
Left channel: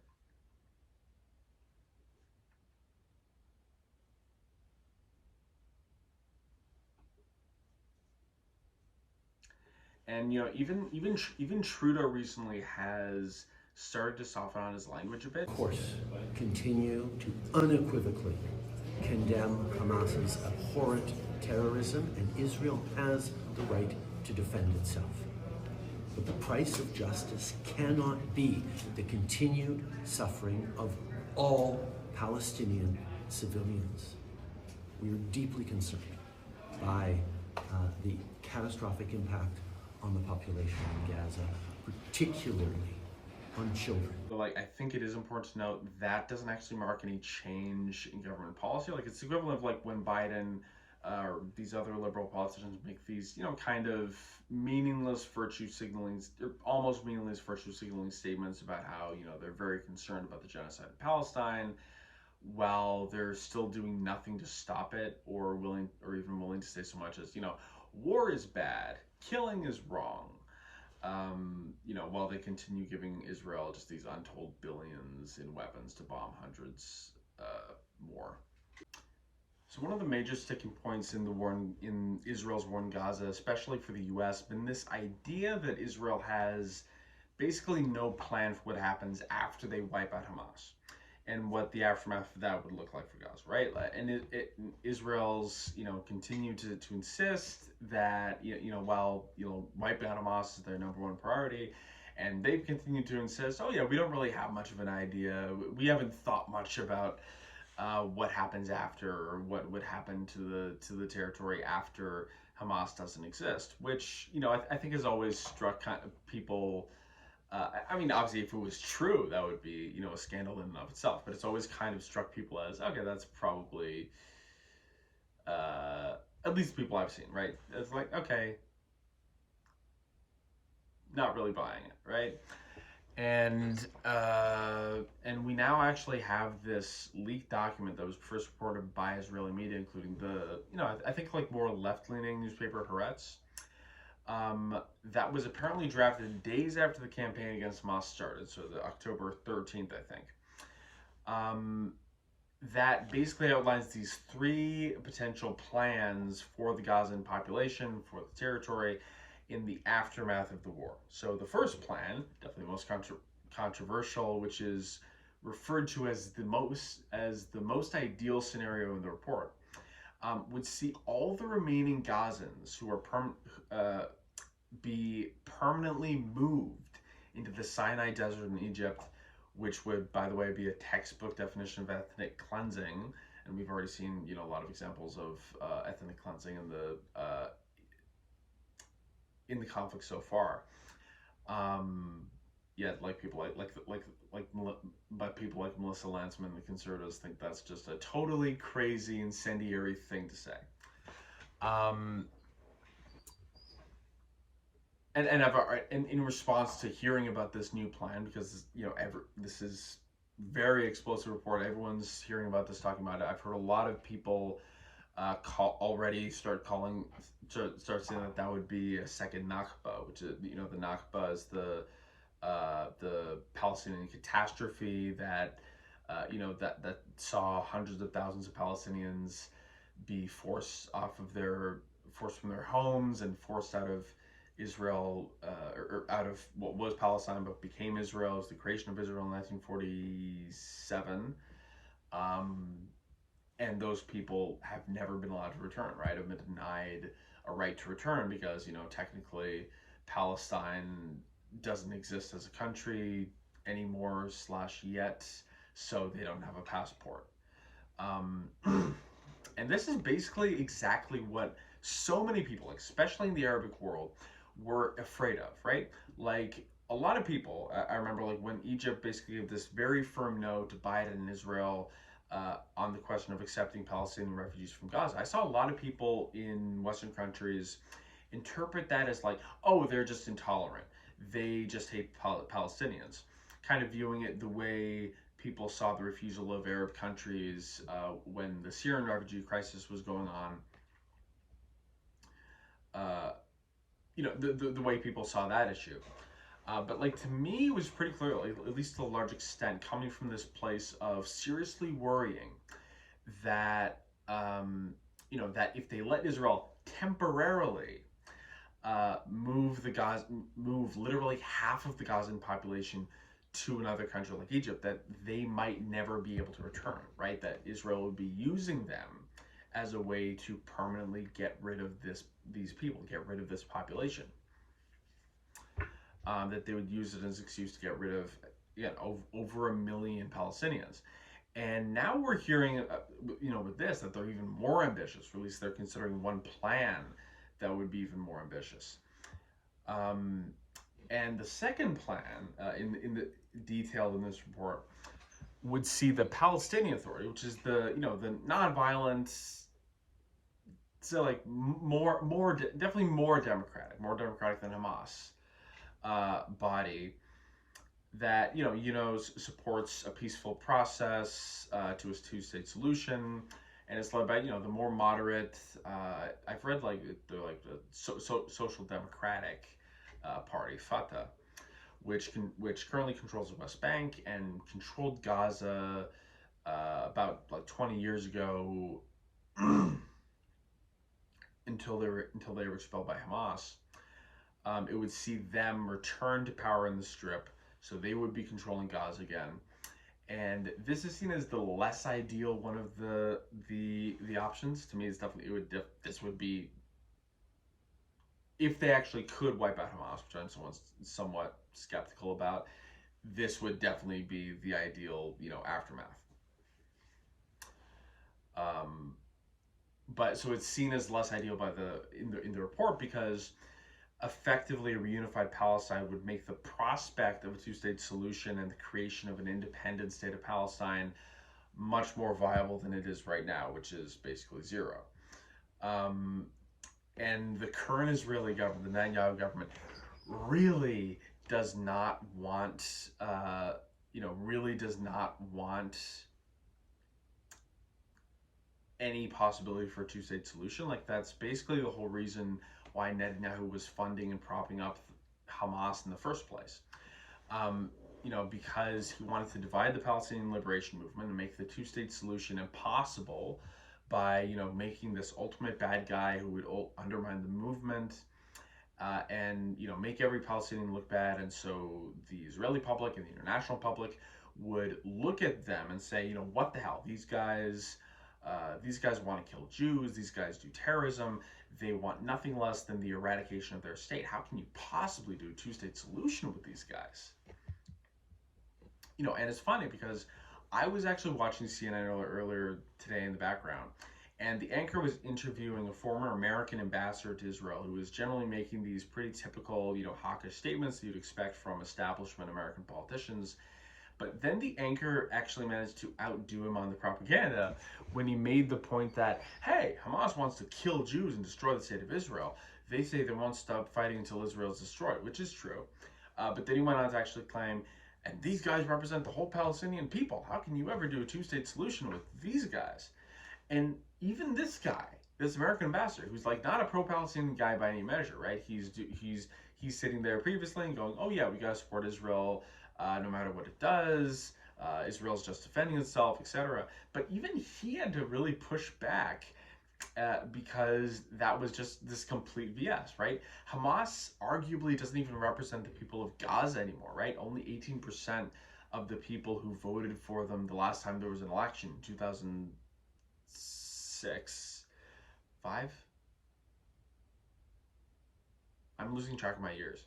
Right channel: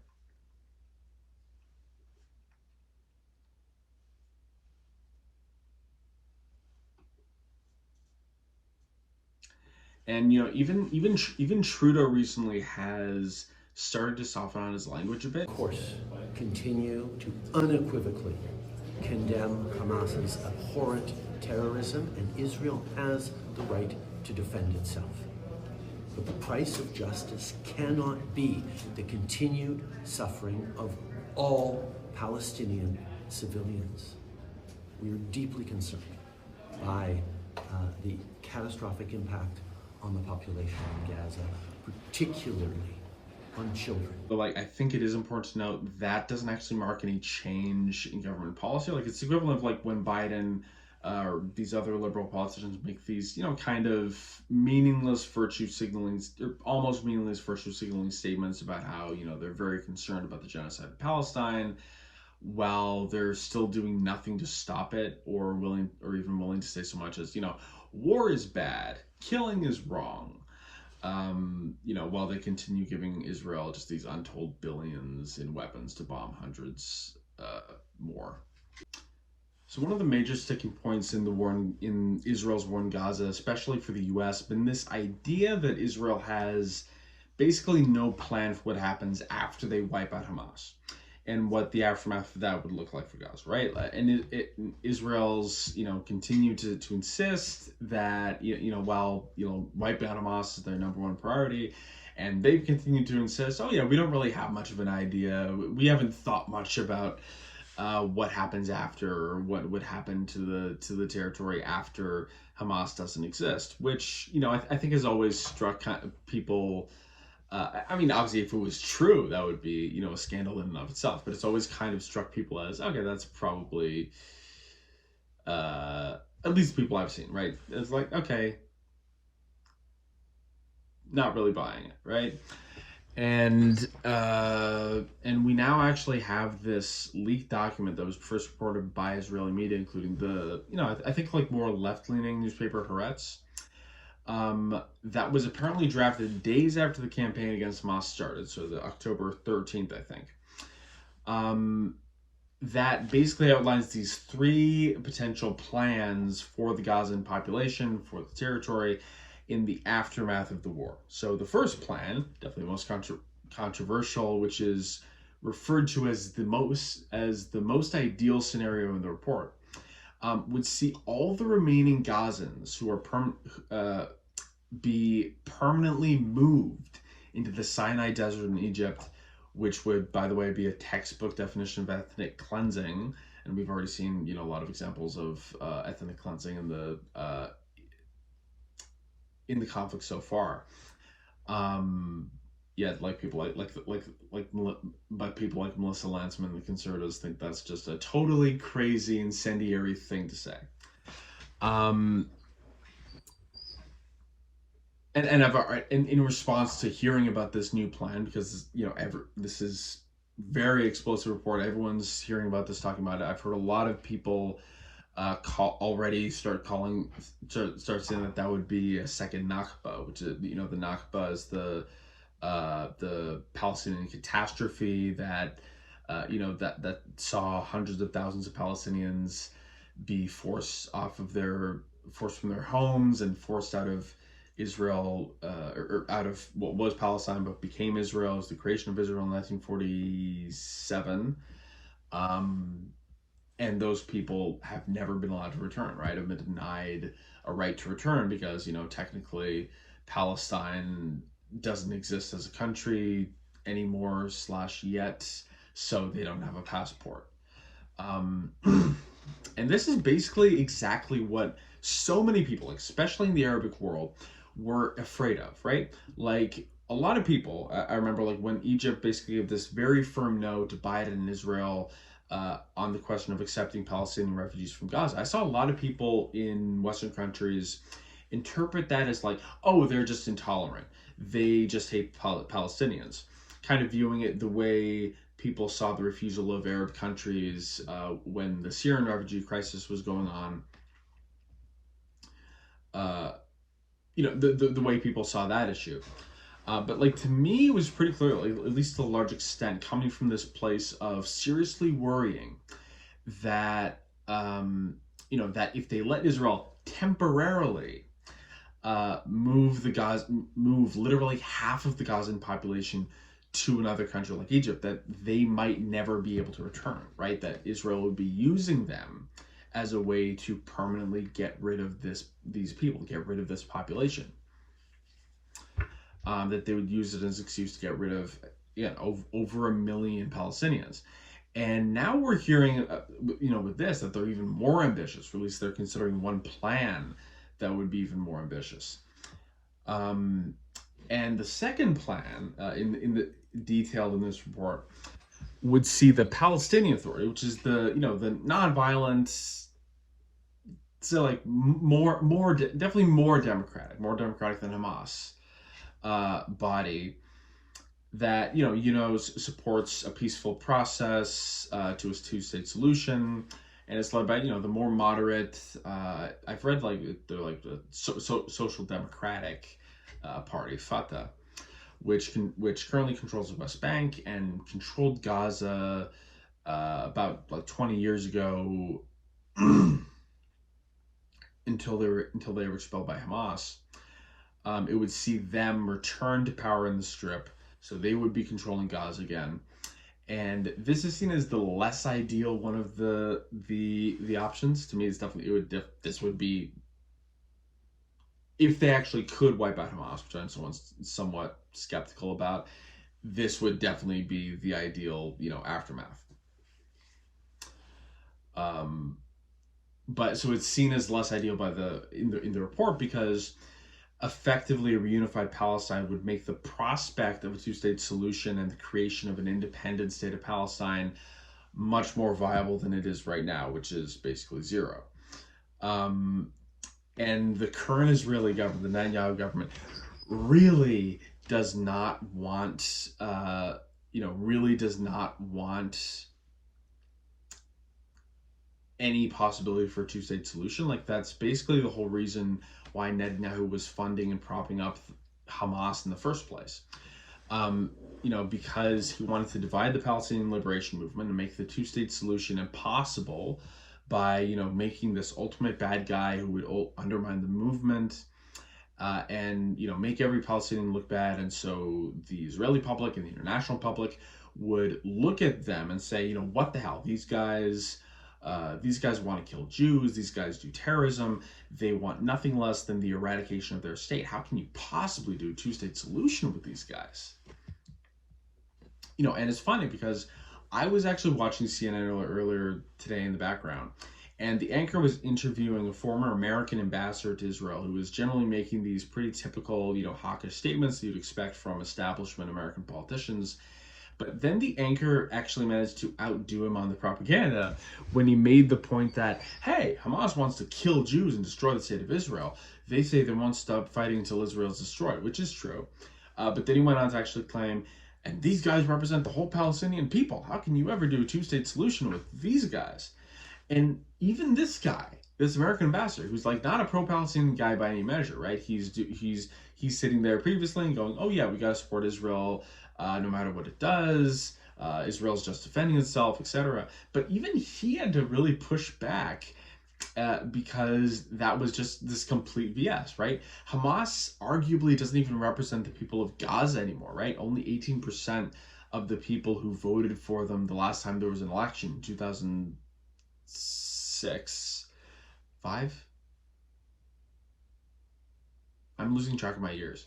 And even Trudeau recently has started to soften on his language a bit. Of course, continue to unequivocally condemn Hamas's abhorrent terrorism, and Israel has the right to defend itself. But the price of justice cannot be the continued suffering of all Palestinian civilians. We are deeply concerned by the catastrophic impact on the population in Gaza, particularly on children. But I think it is important to note that doesn't actually mark any change in government policy. It's equivalent of when Biden or these other liberal politicians make these, kind of meaningless virtue signaling, or almost meaningless virtue signaling statements about how, they're very concerned about the genocide of Palestine, while they're still doing nothing to stop it, or even willing to say so much as, war is bad, killing is wrong, while they continue giving Israel just these untold billions in weapons to bomb hundreds more. So one of the major sticking points in the war in Israel's war in Gaza, especially for the U.S., been this idea that Israel has basically no plan for what happens after they wipe out Hamas, and what the aftermath of that would look like for Gaza, right? And Israel's, continue to insist that, while, wiping out Hamas is their number one priority, and they've continued to insist, oh yeah, we don't really have much of an idea. We haven't thought much about what happens after, or what would happen to the territory after Hamas doesn't exist, which, you know, I think has always struck people. I mean, obviously, if it was true, that would be, you know, a scandal in and of itself. But it's always kind of struck people as, okay, that's probably, at least the people I've seen, right? It's like, okay, not really buying it, right? And we now actually have this leaked document that was first reported by Israeli media, including the, you know, I think like more left-leaning newspaper Haaretz. That was apparently drafted days after the campaign against Hamas started, so the October 13th, I think. That basically outlines these three potential plans for the Gazan population, for the territory, in the aftermath of the war. So the first plan, definitely most controversial, which is referred to as the most ideal scenario in the report, would see all the remaining Gazans who are be permanently moved into the Sinai Desert in Egypt, which would, by the way, be a textbook definition of ethnic cleansing. And we've already seen, you know, a lot of examples of ethnic cleansing in the conflict so far. Yeah, like people but people like Melissa Lantzman, the conservatives, think that's just a totally crazy, incendiary thing to say. And I've in response to hearing about this new plan, because, you know, this is very explosive report. Everyone's hearing about this, talking about it. I've heard a lot of people start saying that would be a second Nakba, which is, you know, the Nakba is the Palestinian catastrophe that you know, that saw hundreds of thousands of Palestinians be forced from their homes and forced out of Israel, or out of what was Palestine but became Israel. It was the creation of Israel in 1947. And those people have never been allowed to return, right? Have been denied a right to return because, you know, technically Palestine doesn't exist as a country anymore / yet, so they don't have a passport. And this is basically exactly what so many people, especially in the Arabic world, were afraid of, right? Like, a lot of people, I remember, like, when Egypt basically gave this very firm no to Biden and Israel on the question of accepting Palestinian refugees from Gaza, I saw a lot of people in Western countries interpret that as like, oh, they're just intolerant. They just hate Palestinians. Kind of viewing it the way people saw the refusal of Arab countries when the Syrian refugee crisis was going on. You know, the way people saw that issue. But, like, to me, it was pretty clear, at least to a large extent, coming from this place of seriously worrying that, you know, that if they let Israel temporarily move literally half of the Gazan population to another country like Egypt, that they might never be able to return, right? That Israel would be using them as a way to permanently get rid of these people, get rid of this population. That they would use it as an excuse to get rid of, over 1 million Palestinians. And now we're hearing, you know, with this, that they're even more ambitious, or at least they're considering one plan that would be even more ambitious. And the second plan, in the detailed in this report, would see the Palestinian Authority, which is the, you know, the nonviolent, so like definitely more democratic than Hamas body, that, you know, supports a peaceful process to a two-state solution, and it's led by, you know, the more moderate. I've read, like, they're like the social democratic party, Fatah, which currently controls the West Bank and controlled Gaza about like 20 years ago, until they were expelled by Hamas. It would see them return to power in the Strip, so they would be controlling Gaza again. And this is seen as the less ideal one of the options. To me, it's definitely, this would be, if they actually could wipe out Hamas, which I'm somewhat skeptical about, this would definitely be the ideal, you know, aftermath. But so it's seen as less ideal by in the report because effectively a reunified Palestine would make the prospect of a two-state solution and the creation of an independent state of Palestine much more viable than it is right now, which is basically zero. And the current Israeli government, the Netanyahu government, really does not want, really does not want any possibility for a two-state solution. Like, that's basically the whole reason why Netanyahu was funding and propping up Hamas in the first place. Because he wanted to divide the Palestinian liberation movement and make the two-state solution impossible by, making this ultimate bad guy who would undermine the movement and, make every Palestinian look bad. And so the Israeli public and the international public would look at them and say, what the hell? These guys want to kill Jews. These guys do terrorism. They want nothing less than the eradication of their state. How can you possibly do a two-state solution with these guys? And it's funny because I was actually watching CNN earlier today in the background, and the anchor was interviewing a former American ambassador to Israel who was generally making these pretty typical, hawkish statements that you'd expect from establishment American politicians. But then the anchor actually managed to outdo him on the propaganda when he made the point that, hey, Hamas wants to kill Jews and destroy the state of Israel. They say they won't stop fighting until Israel is destroyed, which is true. But then he went on to actually claim, and these guys represent the whole Palestinian people. How can you ever do a two-state solution with these guys? And even this guy, this American ambassador, who's like not a pro-Palestinian guy by any measure, right? He's sitting there previously and going, oh yeah, we got to support Israel no matter what it does. Israel's just defending itself, etc. But even he had to really push back because that was just this complete BS, right? Hamas arguably doesn't even represent the people of Gaza anymore, right? Only 18% of the people who voted for them the last time there was an election in 2006, 5? I'm losing track of my years.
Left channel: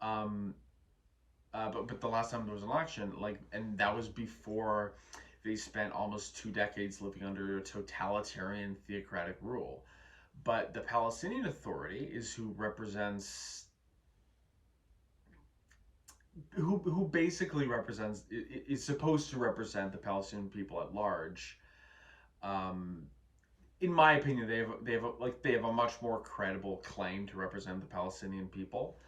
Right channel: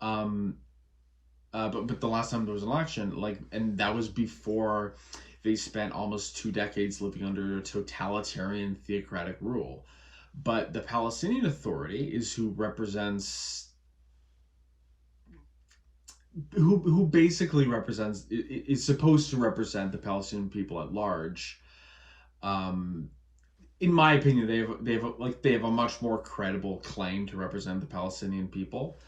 But the last time there was an election, and that was before they spent almost 2 decades living under a totalitarian theocratic rule. But the Palestinian Authority is who represents, who basically represents, is supposed to represent the Palestinian people at large. In my opinion, they have a much more credible claim to represent the Palestinian people,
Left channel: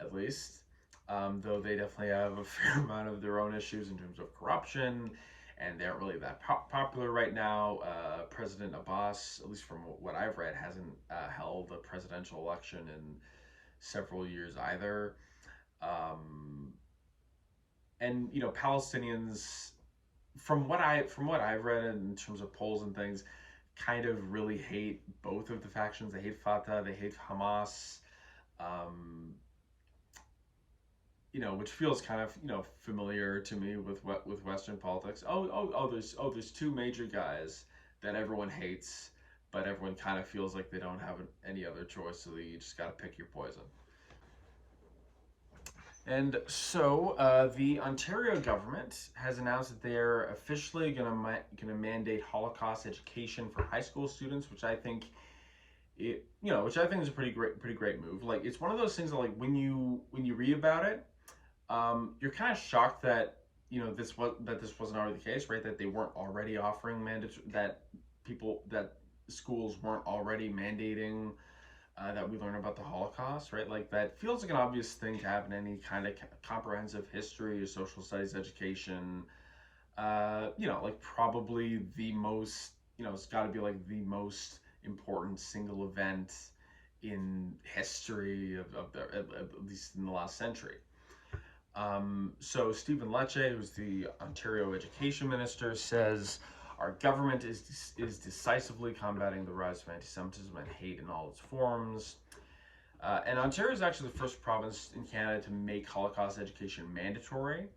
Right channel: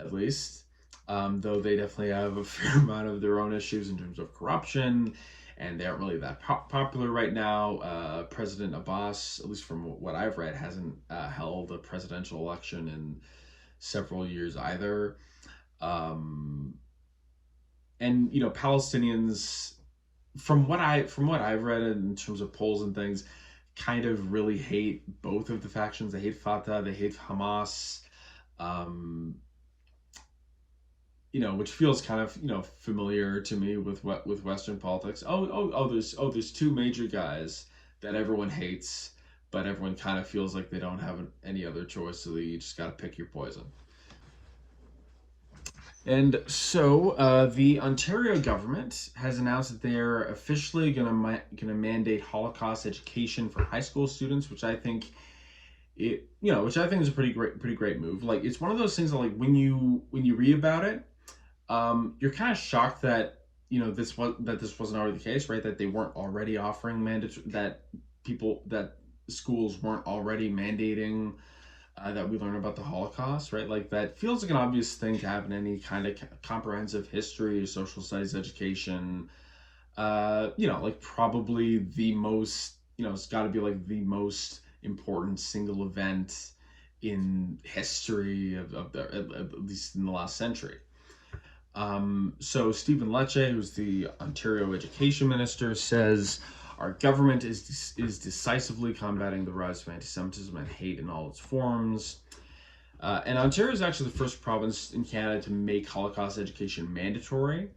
at least. Though they definitely have a fair amount of their own issues in terms of corruption, and they aren't really that popular right now. President Abbas, at least from what I've read, hasn't held a presidential election in several years either. And Palestinians, from what I've read in terms of polls and things, kind of really hate both of the factions. They hate Fatah, they hate Hamas. Which feels kind of, familiar to me with Western politics. There's two major guys that everyone hates, but everyone kind of feels like they don't have any other choice, so you just got to pick your poison. And so the Ontario government has announced that they are officially going to mandate Holocaust education for high school students, which I think is a pretty great move. Like, it's one of those things that, like, when you read about it, you're kind of shocked that this wasn't already the case, right? That they weren't already offering that schools weren't already mandating that we learn about the Holocaust, right? Like, that feels like an obvious thing to have in any kind of comprehensive history or social studies education. Probably the most, it's got to be like the most important single event in history of at least in the last century. So Stephen Lecce, who's the Ontario Education Minister, says our government is decisively combating the rise of anti-Semitism and hate in all its forms. And Ontario is actually the first province in Canada to make Holocaust education mandatory.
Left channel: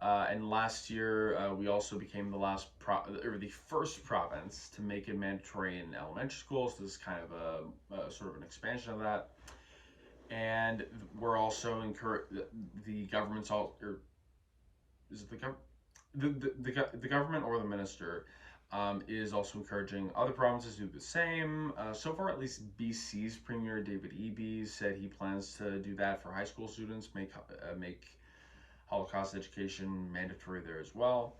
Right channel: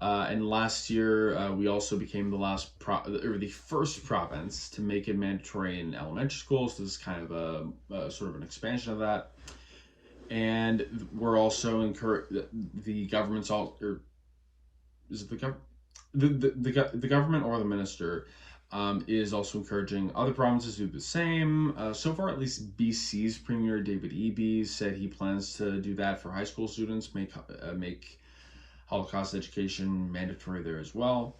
And last year, we also became the first province to make it mandatory in elementary schools. So this is kind of a sort of an expansion of that. And we're also the government's the government or the minister is also encouraging other provinces to do the same. So far, at least BC's Premier David Eby said he plans to do that for high school students, make Holocaust education mandatory there as well.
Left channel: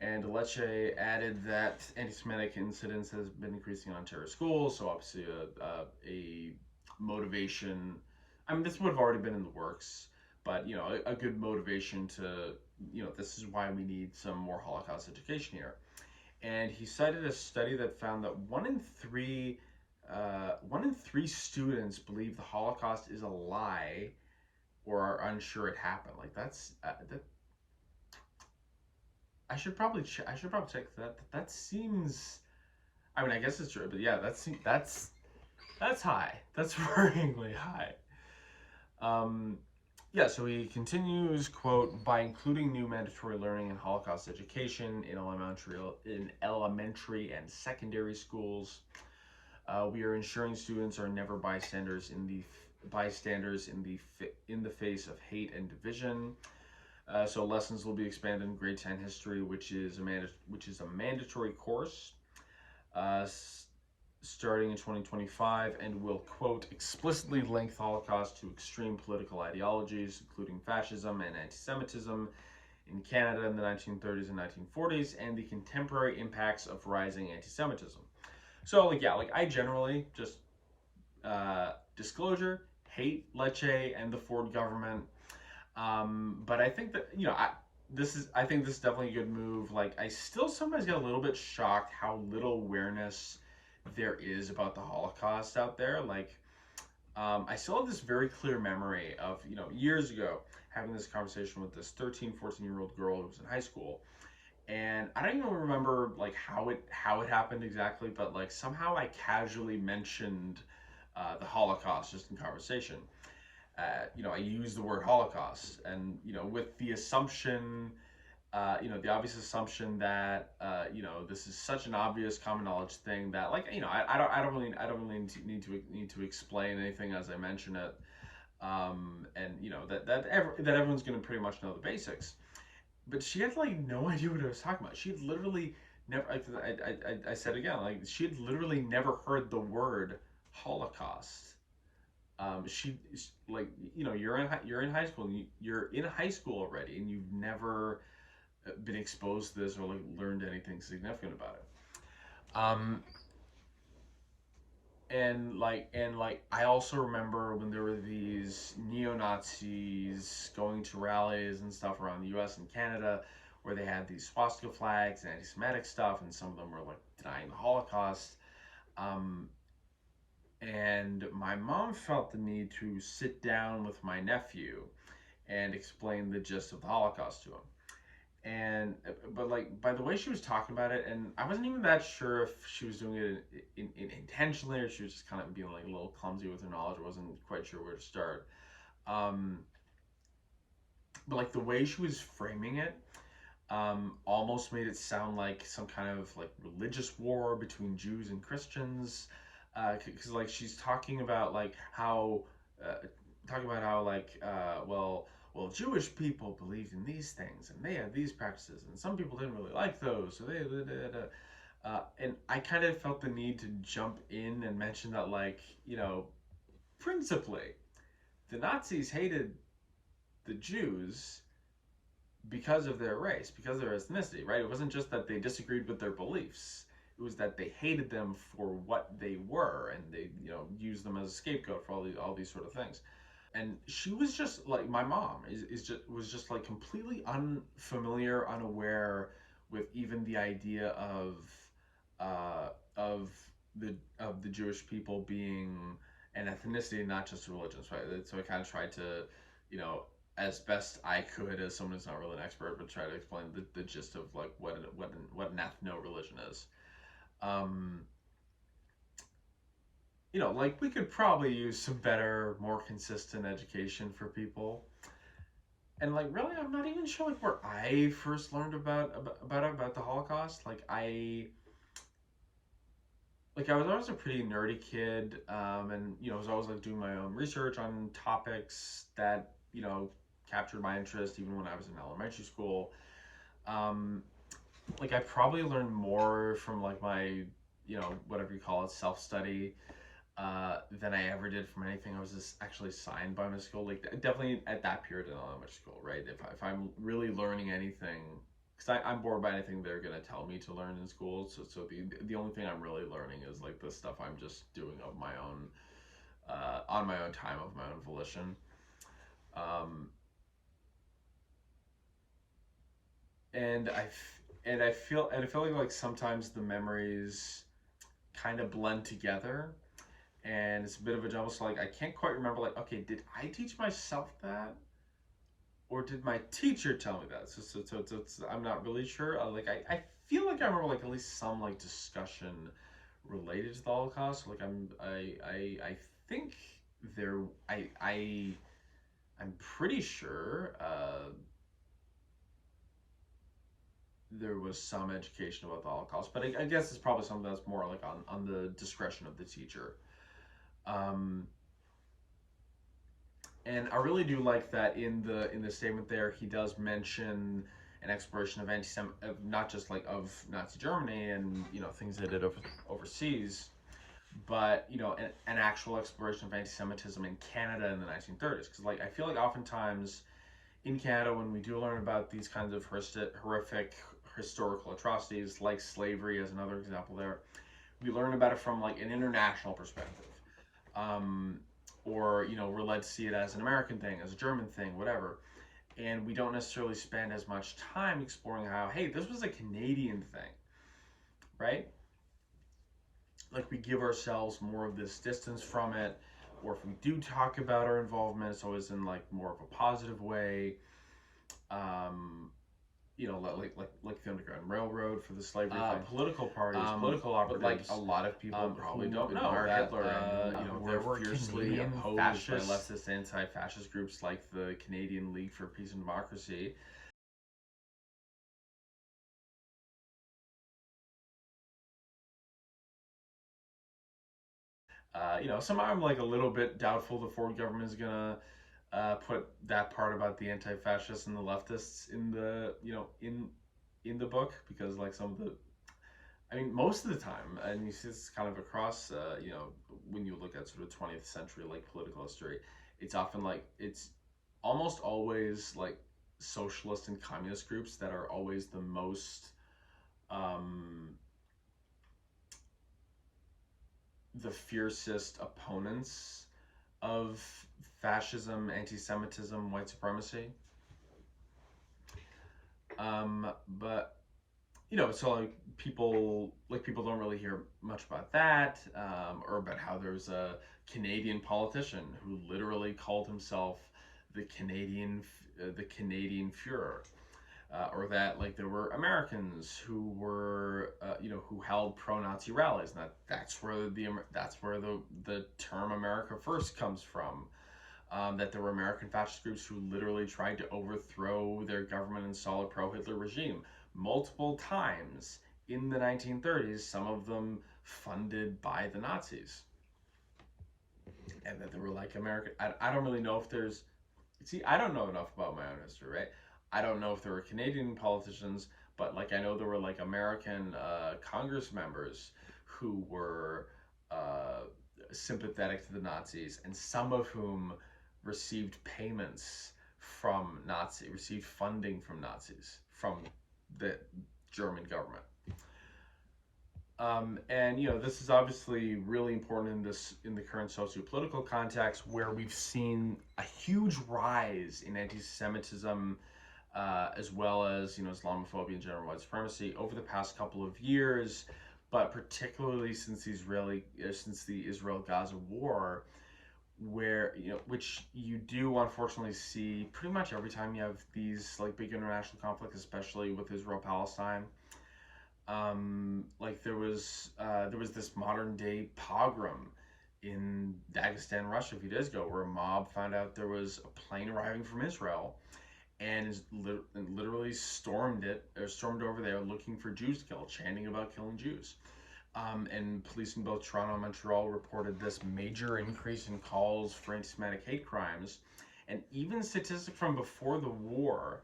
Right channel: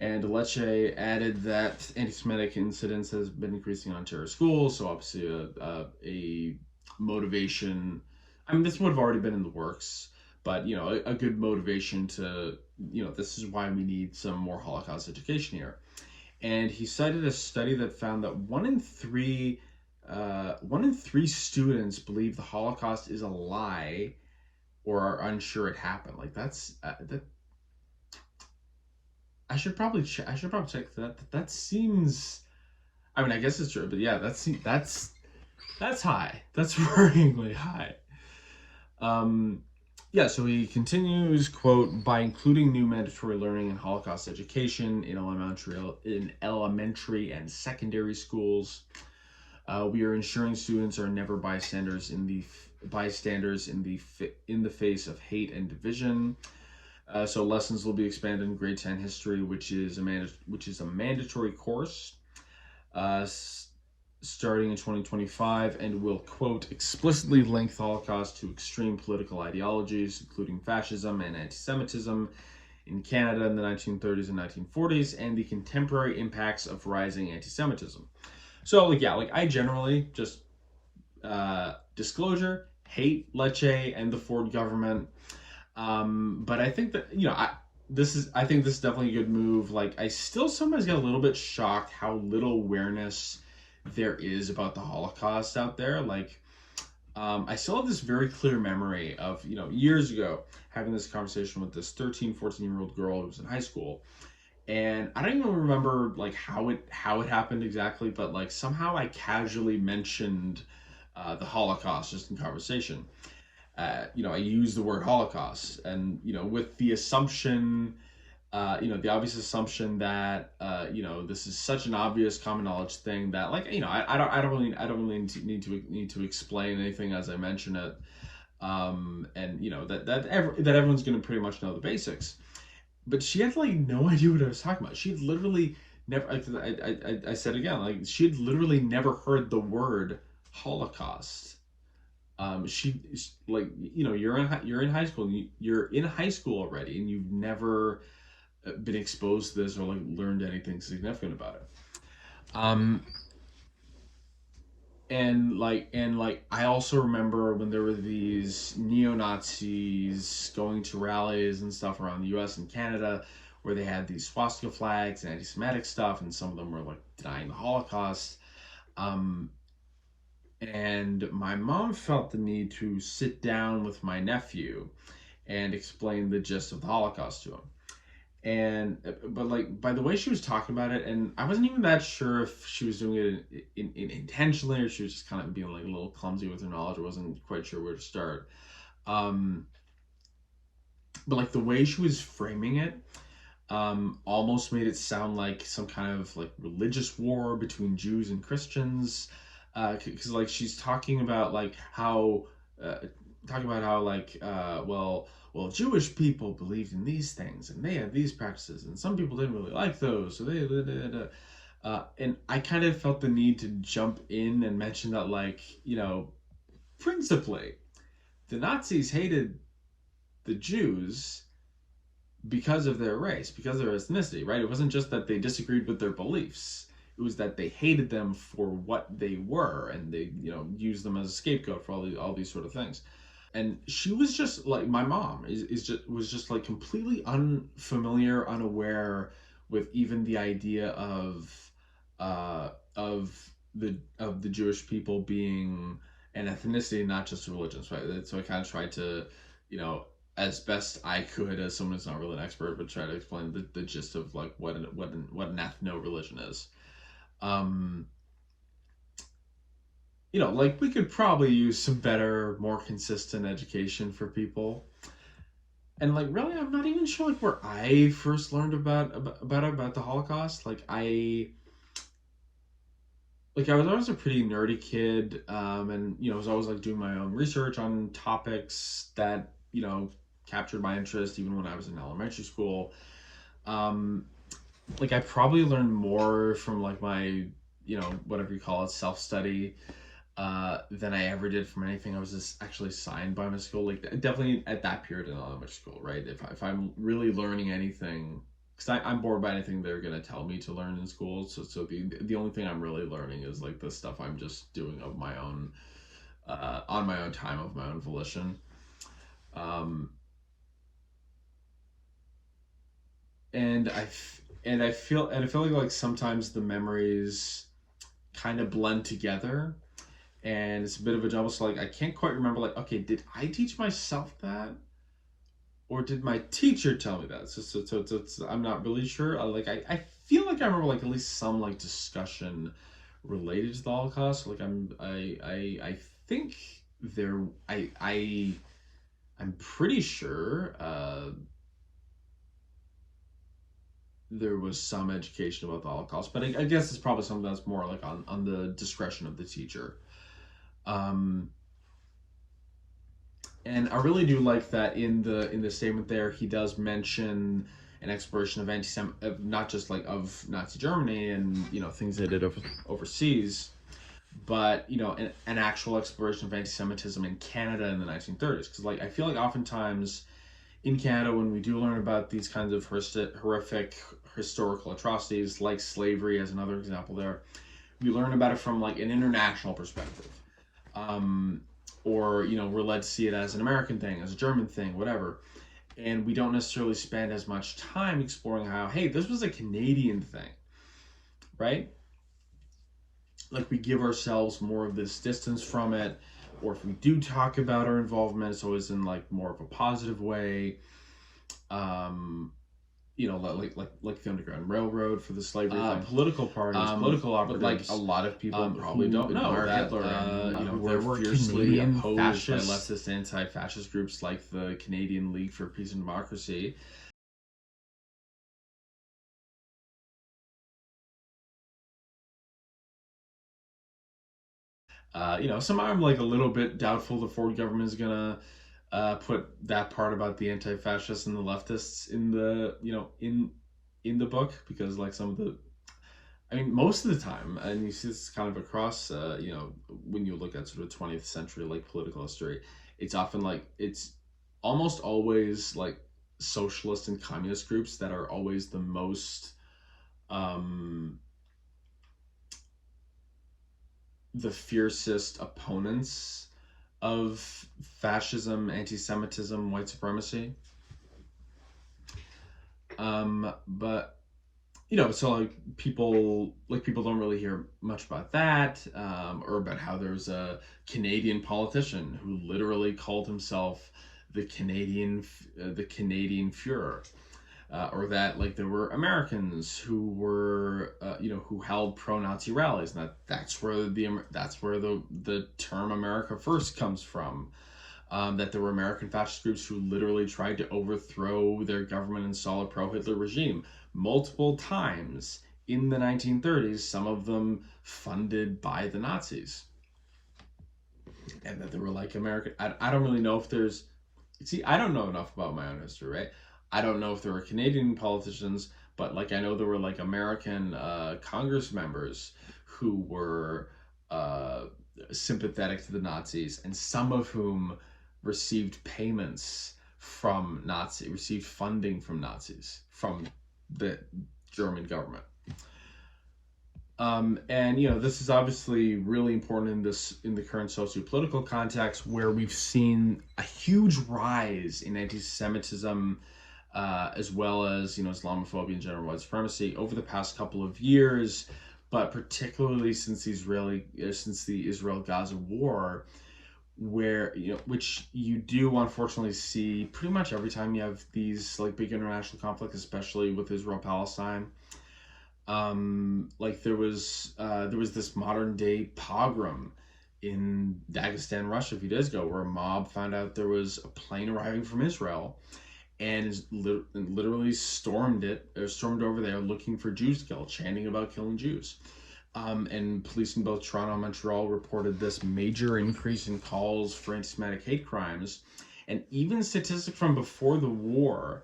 And Lecce added that anti-Semitic incidents has been increasing in Ontario schools, so obviously a motivation. I mean, this would have already been in the works, but a good motivation to, this is why we need some more Holocaust education here. And he cited a study that found that one in three students believe the Holocaust is a lie or are unsure it happened. Like that's that. I should probably check that. That seems. I mean, I guess it's true, but yeah, that's high. That's worryingly high. Yeah, so he continues, quote, by including new mandatory learning in Holocaust education in elementary and secondary schools, we are ensuring students are never bystanders in the face of hate and division. So lessons will be expanded in grade 10 history, which is a mandatory course. Starting in 2025, and will, quote, explicitly link the Holocaust to extreme political ideologies, including fascism and anti-Semitism in Canada in the 1930s and 1940s, and the contemporary impacts of rising anti-Semitism. So, I generally just, disclosure, hate Lecce and the Ford government, but I think that, I think this is definitely a good move. I still sometimes get a little bit shocked how little awareness there is about the Holocaust out there. I still have this very clear memory of, years ago, having this conversation with this 13, 14-year-old girl who was in high school. And I don't even remember, how it happened exactly, but, somehow I casually mentioned the Holocaust just in conversation. I used the word Holocaust, and, with the assumption, the obvious assumption that, this is such an obvious common knowledge thing that, I don't really need to explain anything as I mention it, and that everyone's going to pretty much know the basics. But she had no idea what I was talking about. She had literally never. I said again, she had literally never heard the word Holocaust. You're in high school. You're in high school already, and you've never been exposed to this or learned anything significant about it. I also remember when there were these neo-Nazis going to rallies and stuff around the US and Canada where they had these swastika flags and anti-Semitic stuff, and some of them were denying the Holocaust. And my mom felt the need to sit down with my nephew and explain the gist of the Holocaust to him. But by the way she was talking about it, and I wasn't even that sure if she was doing it intentionally or she was just kind of being a little clumsy with her knowledge. I wasn't quite sure where to start. But the way she was framing it, almost made it sound like some kind of religious war between Jews and Christians, because she's talking about how well, Jewish people believed in these things, and they had these practices, and some people didn't really like those, so and I kind of felt the need to jump in and mention that, principally, the Nazis hated the Jews because of their race, because of their ethnicity, right? It wasn't just that they disagreed with their beliefs. It was that they hated them for what they were, and they, used them as a scapegoat for all these sort of things. And she was just my mom was just completely unfamiliar, unaware with even the idea of the Jewish people being an ethnicity, not just a religion. So I kind of tried to, as best I could, as someone who's not really an expert, but try to explain the gist of what an ethno-religion is. We could probably use some better, more consistent education for people. And really, I'm not even sure where I first learned about the Holocaust. I was always a pretty nerdy kid, and I was always doing my own research on topics that captured my interest, even when I was in elementary school. like I probably learned more from like my, whatever you call it, self-study, than I ever did from anything I was just actually assigned by my school. Like definitely at that period in elementary school, right? If I'm really learning anything, because I'm bored by anything they're gonna tell me to learn in school. So the only thing I'm really learning is like the stuff I'm just doing of my own, on my own time, of my own volition. Um, and I feel like sometimes the memories kind of blend together, and it's a bit of a jumble. So like I can't quite remember, like, okay, did I teach myself that, or did my teacher tell me that? I'm not really sure. I feel like I remember like at least some like discussion related to the Holocaust. Like I think there I'm pretty sure there was some education about the Holocaust, but I guess it's probably something that's more like on the discretion of the teacher. Um, and I really do like that in the statement there, he does mention an exploration of of not just like of Nazi Germany and things they did overseas, but an actual exploration of anti-Semitism in Canada in the 1930s. Because like I feel like oftentimes in Canada, when we do learn about these kinds of horrific historical atrocities like slavery as another example there, we learn about it from like an international perspective, or we're led to see it as an American thing, as a German thing, whatever, and we don't necessarily spend as much time exploring how, hey, this was a Canadian thing, right? Like we give ourselves more of this distance from it, or if we do talk about our involvement, it's always in like more of a positive way. Like the Underground Railroad for the slavery thing. Political parties, political operatives. But like a lot of people probably don't know that Hitler, there were fiercely opposed by leftist anti-fascist groups like the Canadian League for Peace and Democracy. Somehow I'm like a little bit doubtful the Ford government is gonna put that part about the anti-fascists and the leftists in the in the book, because like some of the, I mean, most of the time, and you see this kind of across, when you look at sort of 20th century like political history, it's often like it's almost always like socialist and communist groups that are always the most the fiercest opponents of fascism, anti-Semitism, white supremacy. But so like people don't really hear much about that, or about how there's a Canadian politician who literally called himself the Canadian Führer. Or that like there were Americans who were who held pro-Nazi rallies, and that's where the term America First comes from. That there were American fascist groups who literally tried to overthrow their government and install a pro-Hitler regime multiple times in the 1930s, some of them funded by the Nazis. And that there were like American, I don't really know if there's, I don't know enough about my own history, right? I don't know if there were Canadian politicians, but like I know there were like American Congress members who were sympathetic to the Nazis, and some of whom received funding from Nazis, from the German government. And this is obviously really important in the current socio-political context, where we've seen a huge rise in anti-Semitism, as well as Islamophobia and general white supremacy over the past couple of years, but particularly since the Israel-Gaza war, where which you do unfortunately see pretty much every time you have these like big international conflicts, especially with Israel-Palestine. Like there was this modern day pogrom in Dagestan, Russia a few days ago, where a mob found out there was a plane arriving from Israel, and literally stormed over there looking for Jews to kill, chanting about killing Jews. And police in both Toronto and Montreal reported this major increase in calls for anti-Semitic hate crimes. And even statistics from before the war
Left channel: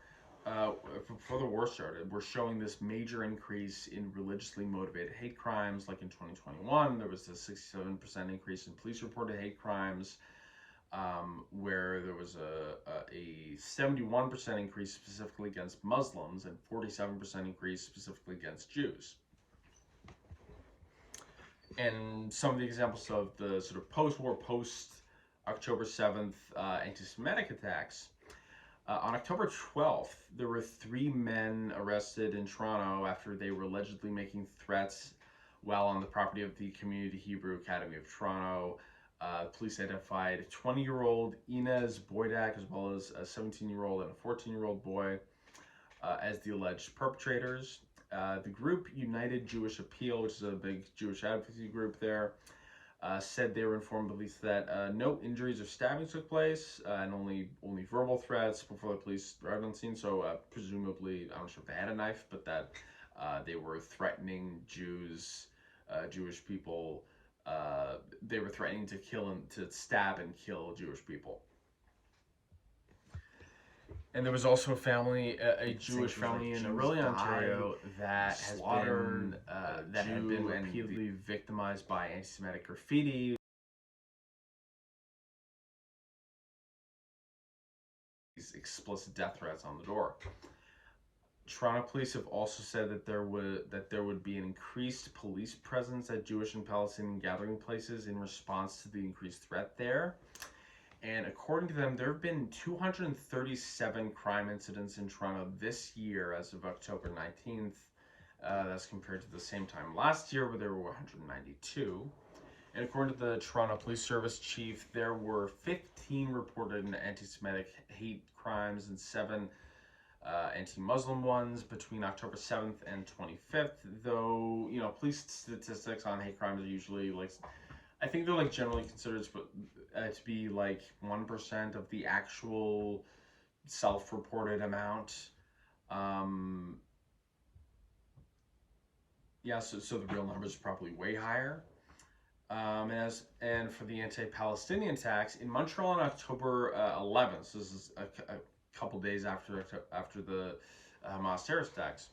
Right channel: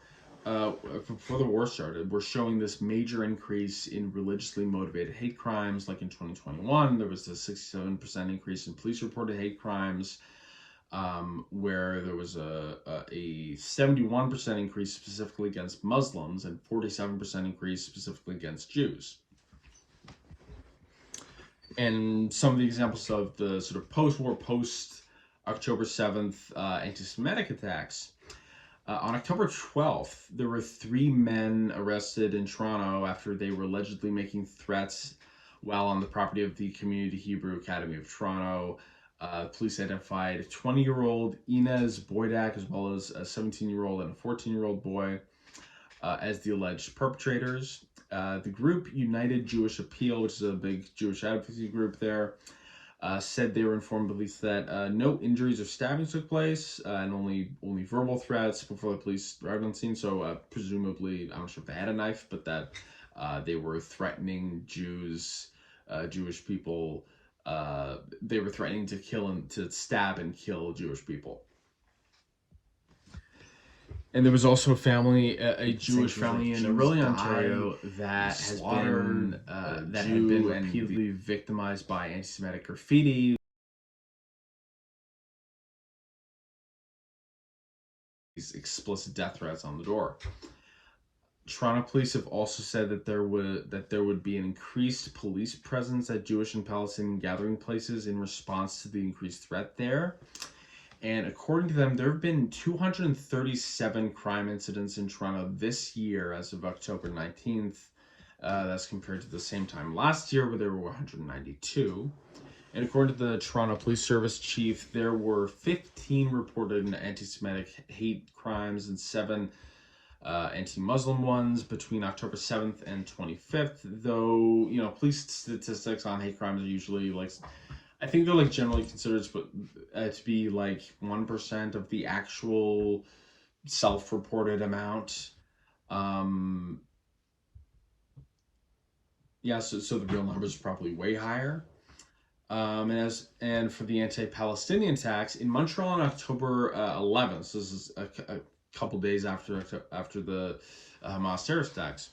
before the war started, were showing this major increase in religiously motivated hate crimes. Like in 2021, there was a 67% increase in police-reported hate crimes, where there was a 71% increase specifically against Muslims and 47% increase specifically against Jews. And some of the examples of the sort of post-war, post-October 7th anti-Semitic attacks. On October 12th, there were 3 men arrested in Toronto after they were allegedly making threats while on the property of the Community Hebrew Academy of Toronto. Police identified 20-year-old Inez Boydak as well as a 17-year-old and a 14-year-old boy as the alleged perpetrators. The group United Jewish Appeal, which is a big Jewish advocacy group there, said they were informed police that no injuries or stabbings took place and only verbal threats before the police arrived on scene. So presumably, I'm not sure if they had a knife, but that they were threatening Jews, Jewish people. They were threatening to kill and to stab and kill Jewish people. And there was also a family, a Jewish family in Orillia, Ontario, that has been that had been repeatedly victimized by anti-Semitic graffiti. These explicit death threats on the door. Toronto police have also said that there would be an increased police presence at Jewish and Palestinian gathering places in response to the increased threat there. And according to them, there have been 237 crime incidents in Toronto this year as of October 19th. That's compared to the same time last year where there were 192. And according to the Toronto Police Service chief, there were 15 reported anti-Semitic hate crimes and 7 anti-Muslim ones between October 7th and 25th. Though, you know, police statistics on hate crimes are usually like, I think they're like generally considered to be like 1% of the actual self-reported amount. Yeah, so the real numbers are probably way higher. And for the anti-Palestinian attacks in Montreal on October 11th, so this is a couple days after the Hamas terrorist attacks.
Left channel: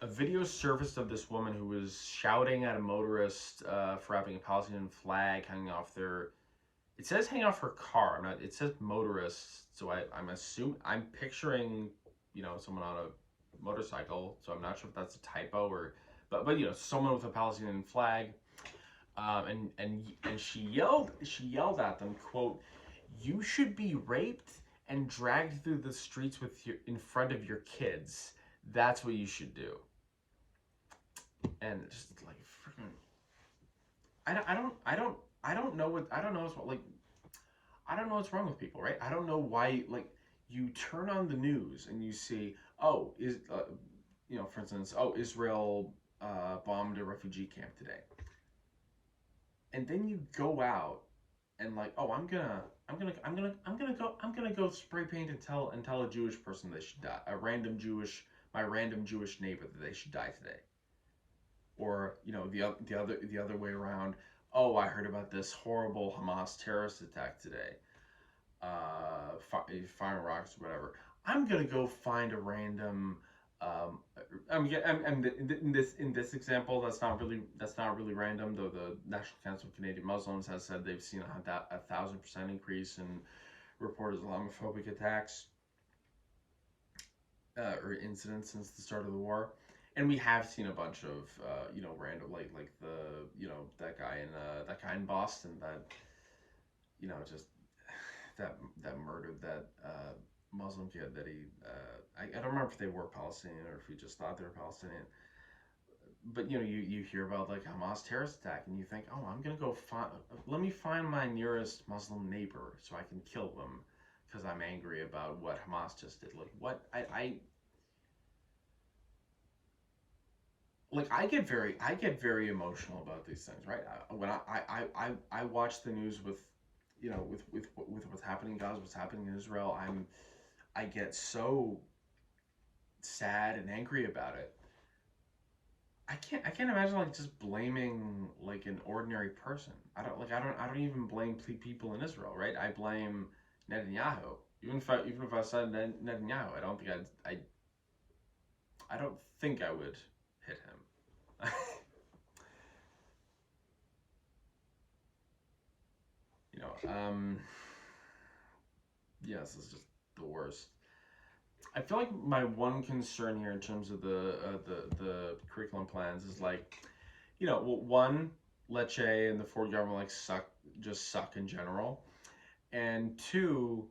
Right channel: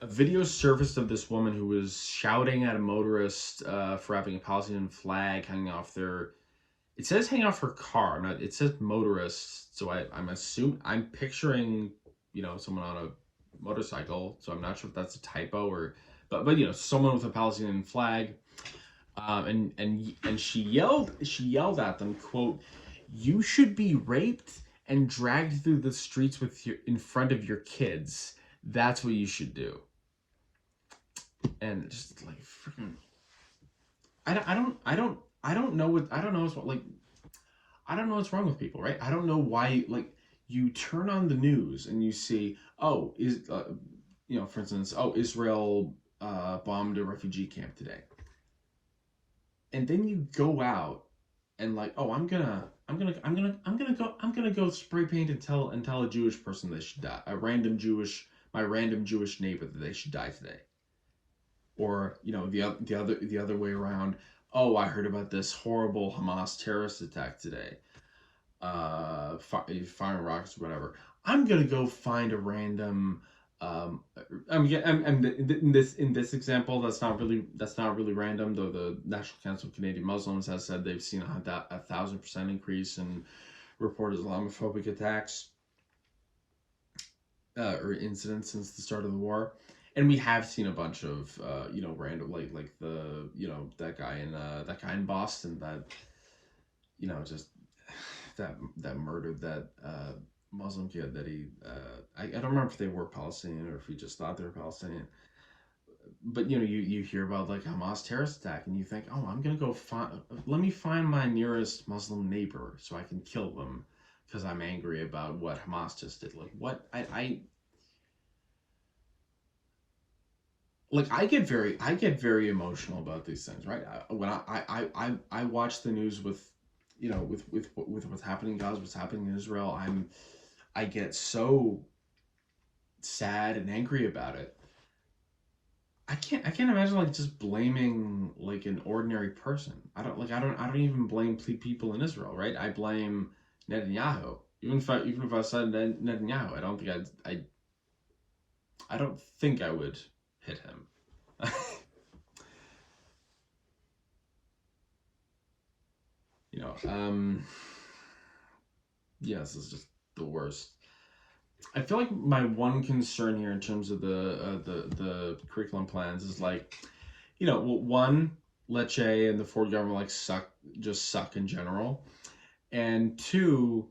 A video surfaced of this woman who was shouting at a motorist for having a Palestinian flag hanging off their. It says hanging off her car. It says motorist, so I'm picturing, you know, someone on a motorcycle. So I'm not sure if that's a typo or, but you know, someone with a Palestinian flag. And she yelled at them, quote, "You should be raped and dragged through the streets in front of your kids. That's what you should do." And just like freaking, I don't know what's wrong with people, right? I don't know why, like, you turn on the news and you see, oh, you know, for instance, oh, Israel bombed a refugee camp today, and then you go out and like, oh, I'm gonna go spray paint and tell a Jewish person they should die, my random Jewish neighbor that they should die today. Or, you know, the other way around. Oh, I heard about this horrible Hamas terrorist attack today. Firing rockets or whatever. I'm gonna go find a random. In this example, that's not really random. Though the National Council of Canadian Muslims has said they've seen a 1,000% increase in reported Islamophobic attacks or incidents since the start of the war. And we have seen a bunch of, you know, random, like the, you know, that guy in Boston that, you know, just that murdered that Muslim kid that he, I don't remember if they were Palestinian or if he just thought they were Palestinian. But, you know, you hear about like Hamas terrorist attack and you think, oh, I'm going to go let me find my nearest Muslim neighbor so I can kill them because I'm angry about what Hamas just did. Like, what? I get very emotional about these things, right? When I watch the news with, you know, with what's happening in Gaza, what's happening in Israel, I get so sad and angry about it. I can't imagine like just blaming like an ordinary person. I don't even blame people in Israel, right? I blame Netanyahu. Even if I said Netanyahu, I don't think I don't think I would hit him. You know, yeah, this is just the worst. I feel like my one concern here in terms of the curriculum plans is like, you know, well, one, Lecce and the Ford government like suck in general, and two,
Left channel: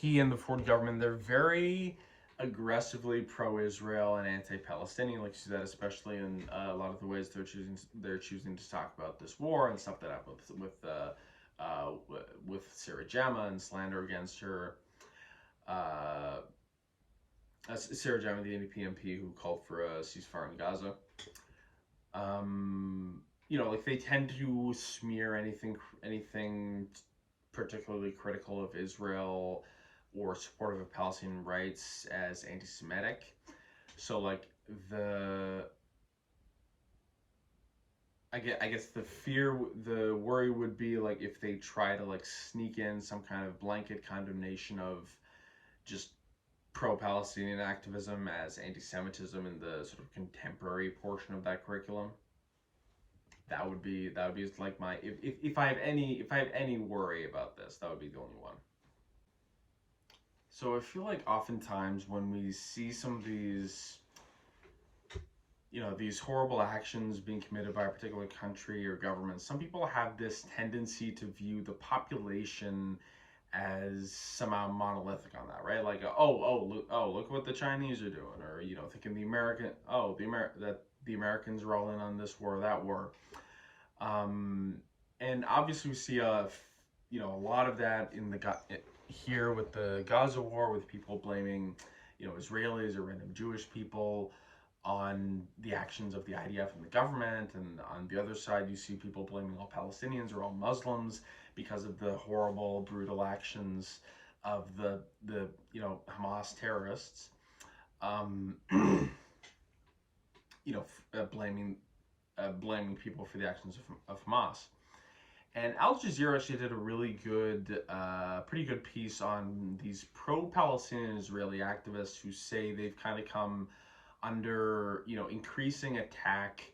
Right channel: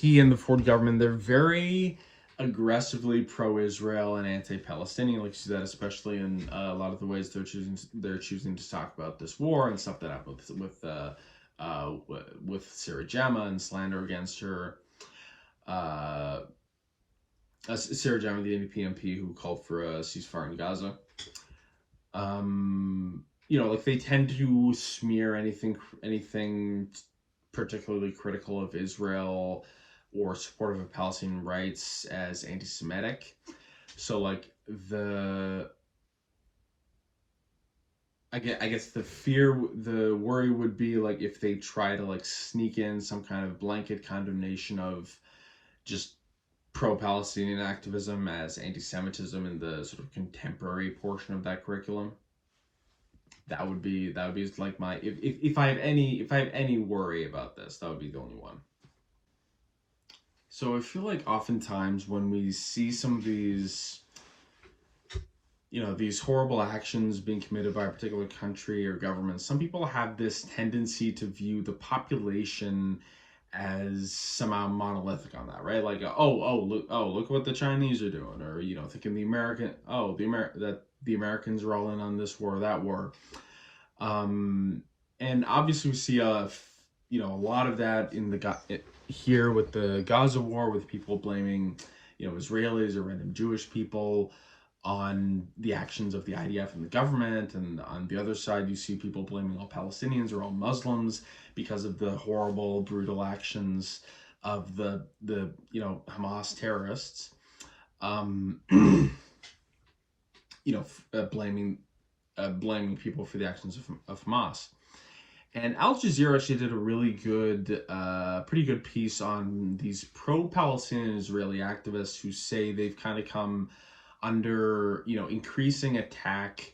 he and the Ford government, they're very aggressively pro-Israel and anti-Palestinian. Like you see that especially in a lot of the ways they're choosing to talk about this war and stuff that happened with Sarah Jama and slander against her. Sarah Jama, the NDP MP who called for a ceasefire in Gaza. You know, like they tend to smear anything particularly critical of Israel or supportive of Palestinian rights as anti-Semitic. So like I guess the worry would be like if they try to like sneak in some kind of blanket condemnation of just pro-Palestinian activism as anti-Semitism in the sort of contemporary portion of that curriculum. That would be like my if I have any worry about this, that would be the only one. So I feel like oftentimes when we see some of these, you know, these horrible actions being committed by a particular country or government, some people have this tendency to view the population as somehow monolithic on that, right? Like, look what the Chinese are doing, or you know, thinking the Americans are all in on this war or that war. And obviously we see a lot of that in here with the Gaza war, with people blaming, you know, Israelis or random Jewish people on the actions of the IDF and the government, and on the other side you see people blaming all Palestinians or all Muslims because of the horrible, brutal actions of the you know, Hamas terrorists. You know, blaming people for the actions of Hamas. And Al Jazeera actually did a really good, pretty good piece on these pro-Palestinian Israeli activists who say they've kind of come under, you know, increasing attack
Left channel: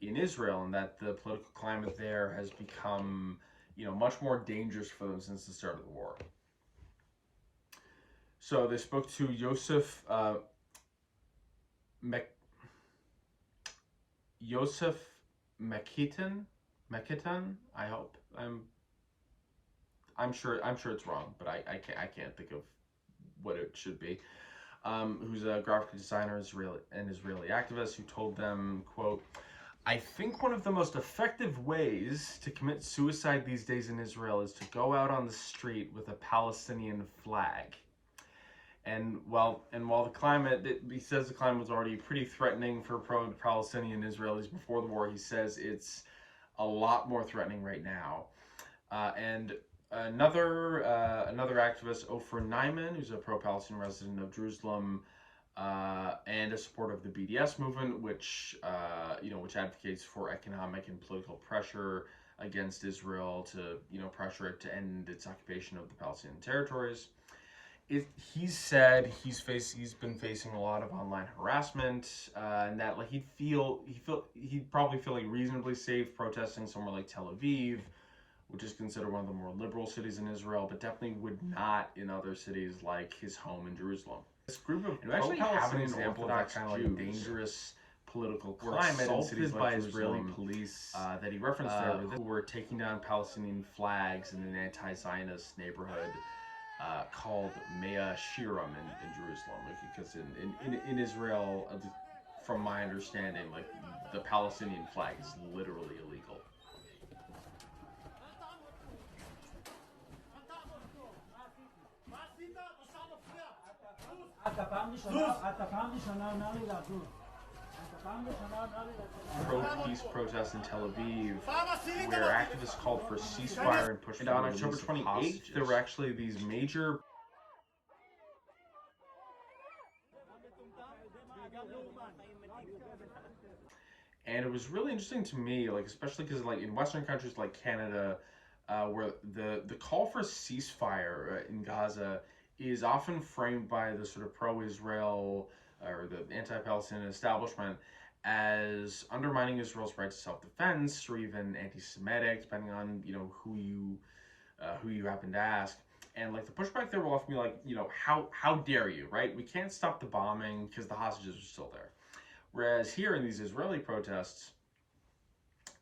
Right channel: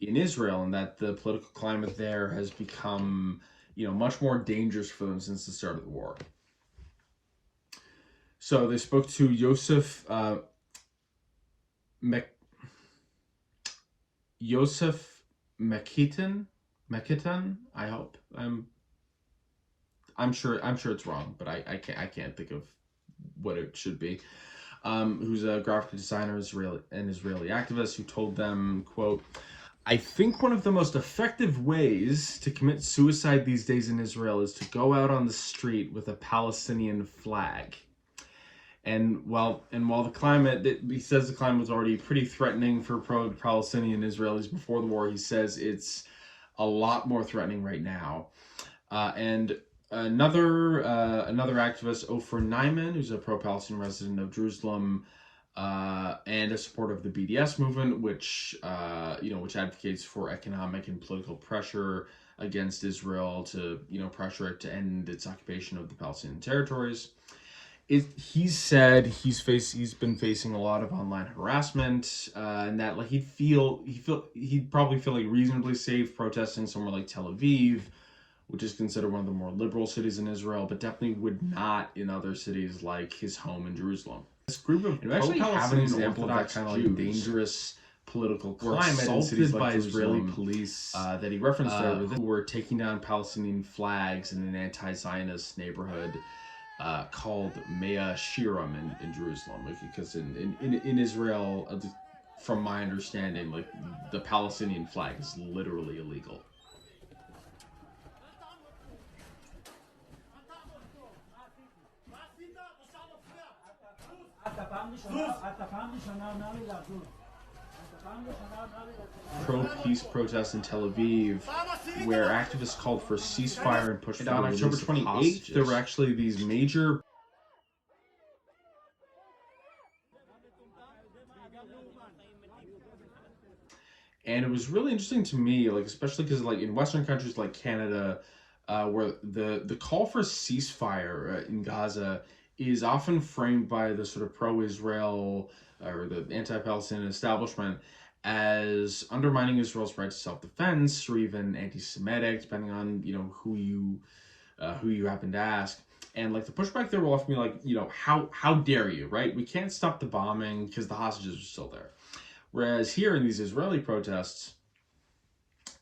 in Israel, and that the political climate there has become, you know, much more dangerous for them since the start of the war. So they spoke to Yosef Mekitan. I hope I'm sure it's wrong, but I can't think of what it should be. Who's a graphic designer, Israeli activist, who told them, quote, "I think one of the most effective ways to commit suicide these days in Israel is to go out on the street with a Palestinian flag." And while the climate, he says the climate was already pretty threatening for pro-Palestinian Israelis before the war, he says it's a lot more threatening right now. And another activist, Ofer Nyman, who's a pro-Palestinian resident of Jerusalem and a supporter of the BDS movement, which advocates for economic and political pressure against Israel to, you know, pressure it to end its occupation of the Palestinian territories. He said he's been facing a lot of online harassment, and that like he'd probably feel like reasonably safe protesting somewhere like Tel Aviv, which is considered one of the more liberal cities in Israel, but definitely would not in other cities like his home in Jerusalem. This group of actually have an example of that kind of like dangerous political climate in cities like by Israeli police that he referenced there, who were taking down Palestinian flags in an anti-Zionist neighborhood called Mea Shiram in Jerusalem, like, because in Israel, from my understanding, like the Palestinian flag is literally illegal. Pro-peace protests in Tel Aviv, where activists called for ceasefire and pushed for the release of hostages. On October 28th, there were actually these major and it was really interesting to me, like especially because like in Western countries like Canada, where the call for ceasefire in Gaza is often framed by the sort of pro-Israel or the anti-Palestinian establishment as undermining Israel's right to self-defense, or even anti-Semitic, depending on who you happen to ask. And like the pushback there will often be like, how dare you, right? We can't stop the bombing because the hostages are still there. Whereas here in these Israeli protests,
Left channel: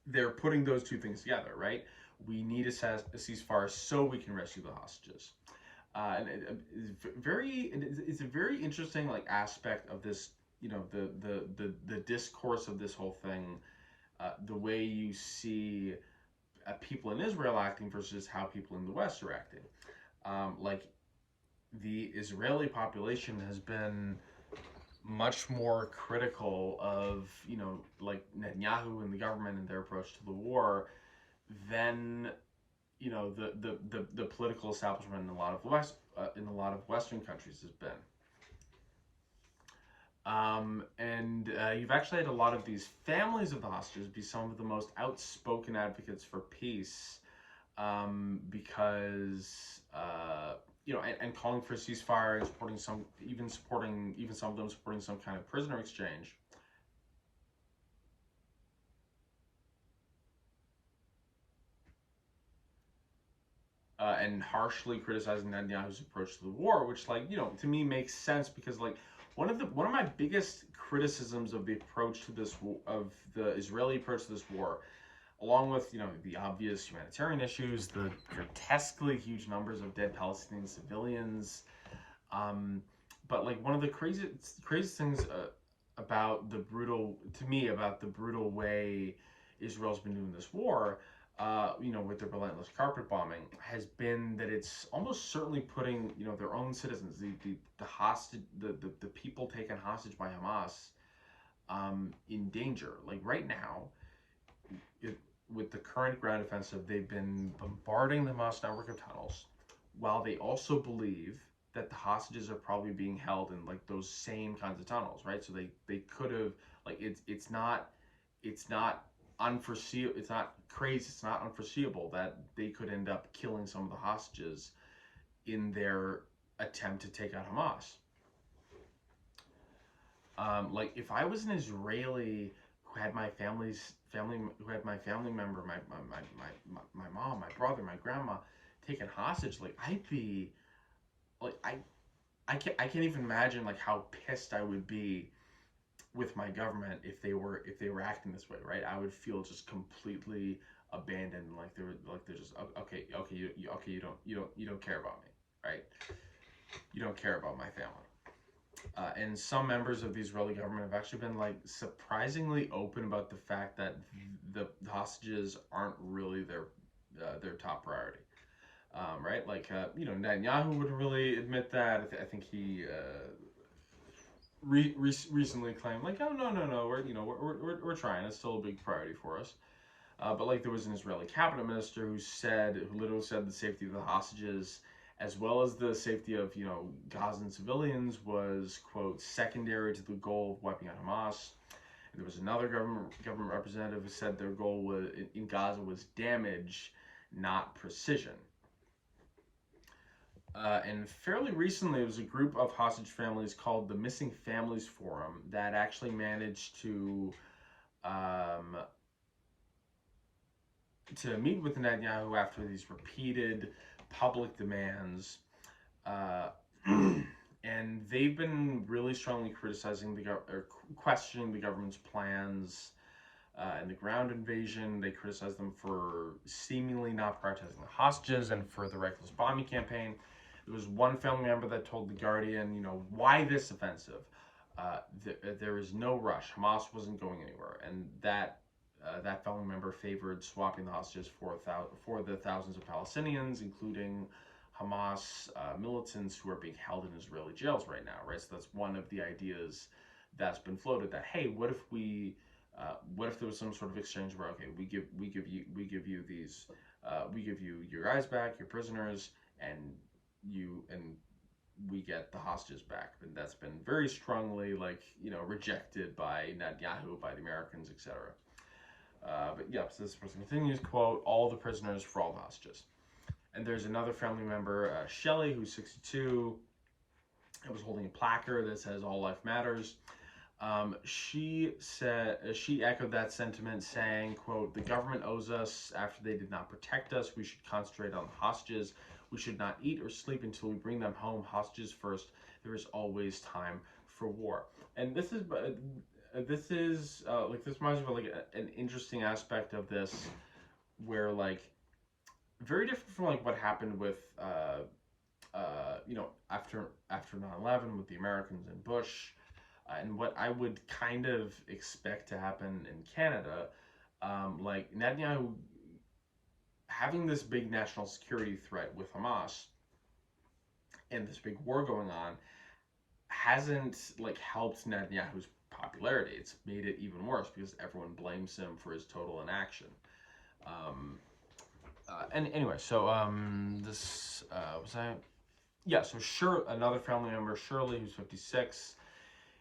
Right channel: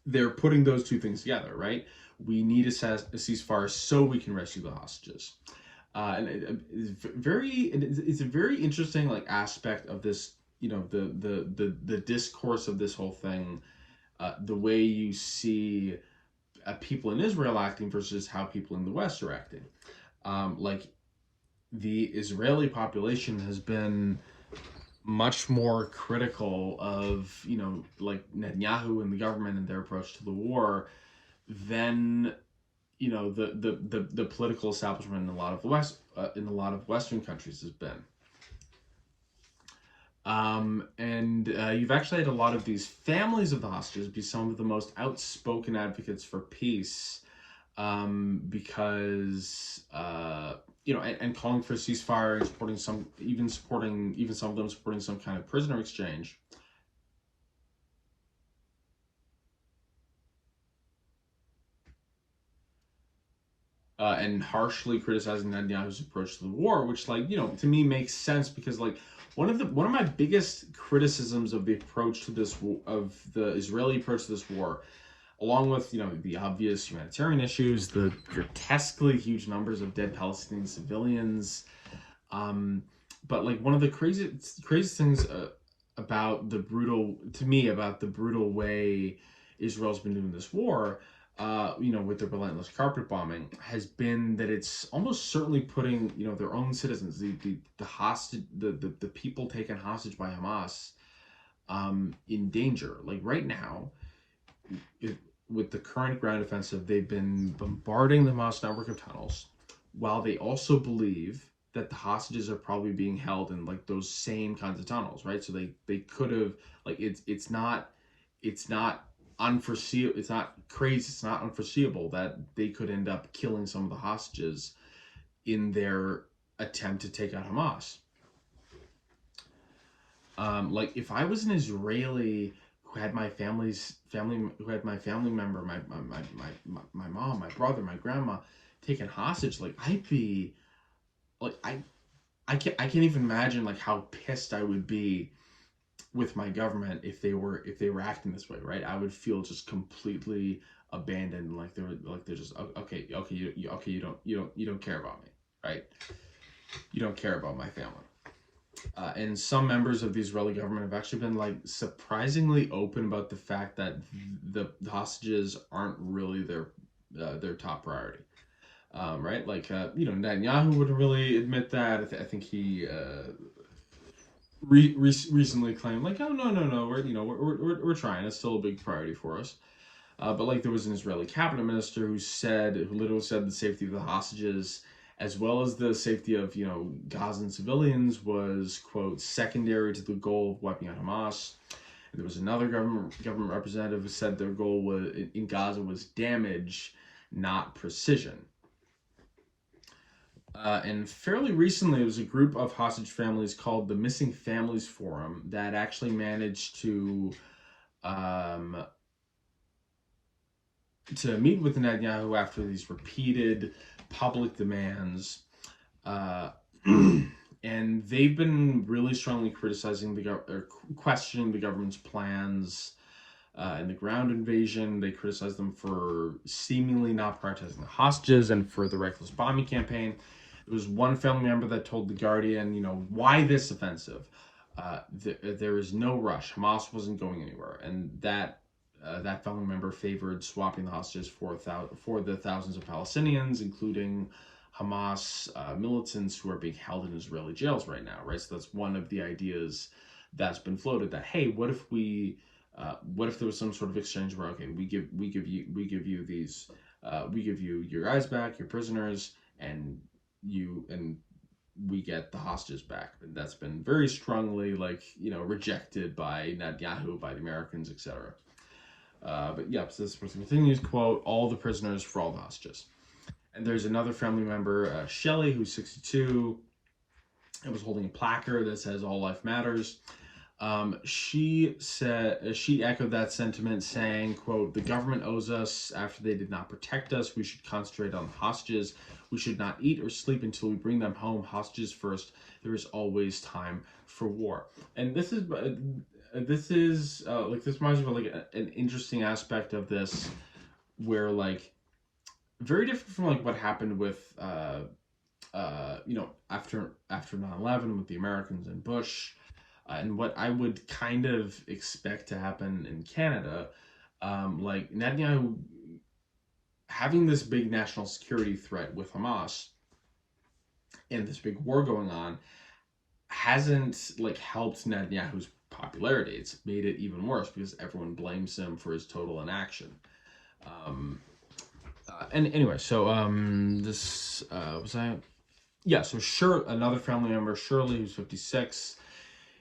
they're putting those two things together, right? We need a ceasefire so we can rescue the hostages. And it's a very interesting like aspect of this, the discourse of this whole thing, the way you see people in Israel acting versus how people in the West are acting. Like the Israeli population has been much more critical of, like Netanyahu and the government and their approach to the war than, the political establishment in a lot of the West, in a lot of Western countries has been. And you've actually had a lot of these families of the hostages be some of the most outspoken advocates for peace, because and calling for a ceasefire and supporting some of them supporting some kind of prisoner exchange. And harshly criticizing Netanyahu's approach to the war, which, like, to me makes sense because, like, one of my biggest criticisms of the Israeli approach to this war, along with the obvious humanitarian issues, the grotesquely huge numbers of dead Palestinian civilians, but like one of the craziest things about the brutal way Israel's been doing this war, with the relentless carpet bombing, has been that it's almost certainly putting their own citizens, the hostage, the people taken hostage by Hamas, in danger. Like right now, with the current ground offensive, they've been bombarding the Hamas network of tunnels, while they also believe that the hostages are probably being held in like those same kinds of tunnels, right? So they could have, like, it's not unforeseeable. It's not crazy. It's not unforeseeable that they could end up killing some of the hostages in their attempt to take out Hamas. Like if I was an Israeli who had my family member, my mom, my brother, my grandma taken hostage, like I'd be like I can't even imagine like how pissed I would be with my government if they were acting this way, right? I would feel just completely abandoned, like they're just okay, you don't care about me, right? You don't care about my family. And some members of the Israeli government have actually been like surprisingly open about the fact that the hostages aren't really their top priority. Right? Like Netanyahu wouldn't really admit that. I think he recently claimed like, oh no, we're trying. It's still a big priority for us. But like there was an Israeli cabinet minister who literally said the safety of the hostages, as well as the safety of Gazan civilians, was, quote, secondary to the goal of wiping out Hamas. And there was another government representative who said their goal in Gaza was damage, not precision. And fairly recently, it was a group of hostage families called the Missing Families Forum that actually managed to meet with Netanyahu after these repeated public demands, and they've been really strongly criticizing or questioning the government's plans in the ground invasion. They criticized them for seemingly not prioritizing the hostages and for the reckless bombing campaign. There was one family member that told The Guardian, why this offensive? There is no rush. Hamas wasn't going anywhere, and that family member favored swapping the hostages for the thousands of Palestinians, including Hamas militants who are being held in Israeli jails right now, right? So that's one of the ideas that's been floated, that hey, what if there was some sort of exchange where, okay, we give you these, we give you your guys back, your prisoners, and we get the hostages back. And that's been very strongly rejected by Netanyahu, by the Americans, etc. But yeah, so this person continues, quote, all the prisoners for all the hostages. And there's another family member, Shelley, who's 62, and was holding a placard that says all life matters. She echoed that sentiment, saying, quote, the government owes us after they did not protect us. We should concentrate on the hostages. We should not eat or sleep until we bring them home. Hostages first. There is always time for war. And this is like, this reminds me of like an interesting aspect of this, where like, very different from like what happened with after 9/11 with the Americans and Bush, and what I would kind of expect to happen in Canada, like Netanyahu having this big national security threat with Hamas and this big war going on hasn't like helped Netanyahu's popularity. It's made it even worse because everyone blames him for his total inaction. And anyway, so this was that. Yeah, so another family member, Shirley, who's 56,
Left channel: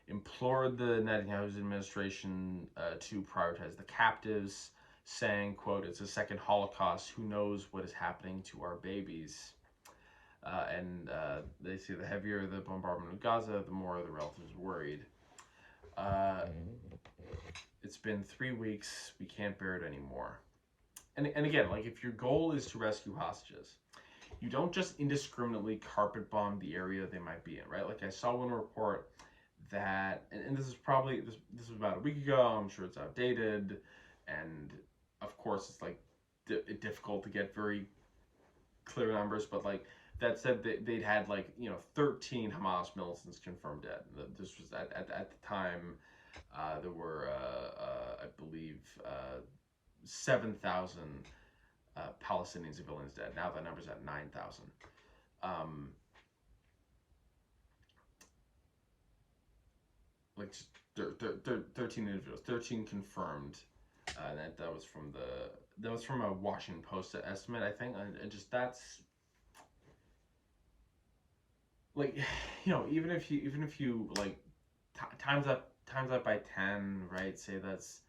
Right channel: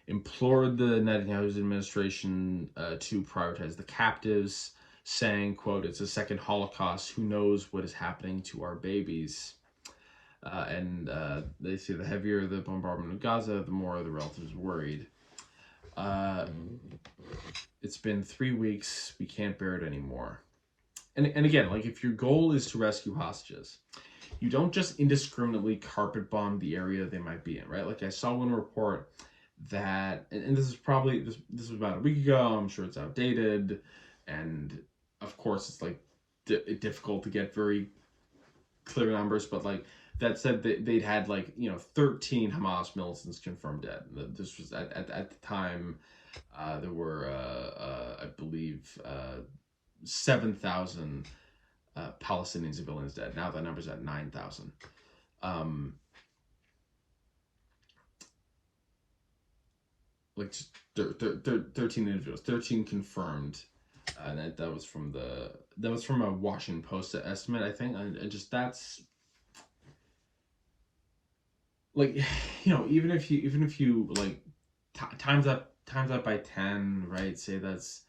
implored the Netanyahu's administration to prioritize the captives, saying, quote, it's a second Holocaust. Who knows what is happening to our babies? And they say the heavier the bombardment of Gaza, the more the relatives worried. It's been 3 weeks. We can't bear it anymore. And again, like, if your goal is to rescue hostages, you don't just indiscriminately carpet bomb the area they might be in, right? Like, I saw one report that, and this is probably, this was about a week ago, I'm sure it's outdated, and of course it's like difficult to get very clear numbers, but like, that said that they'd had like, 13 Hamas militants confirmed dead. This was at the time, there were, I believe, 7,000 Palestinian civilians dead. Now that number's at 9,000. Like 13 individuals, 13 confirmed, and that was from a Washington Post estimate, I think. And just, that's like, even if you like times that by 10, right? Say that's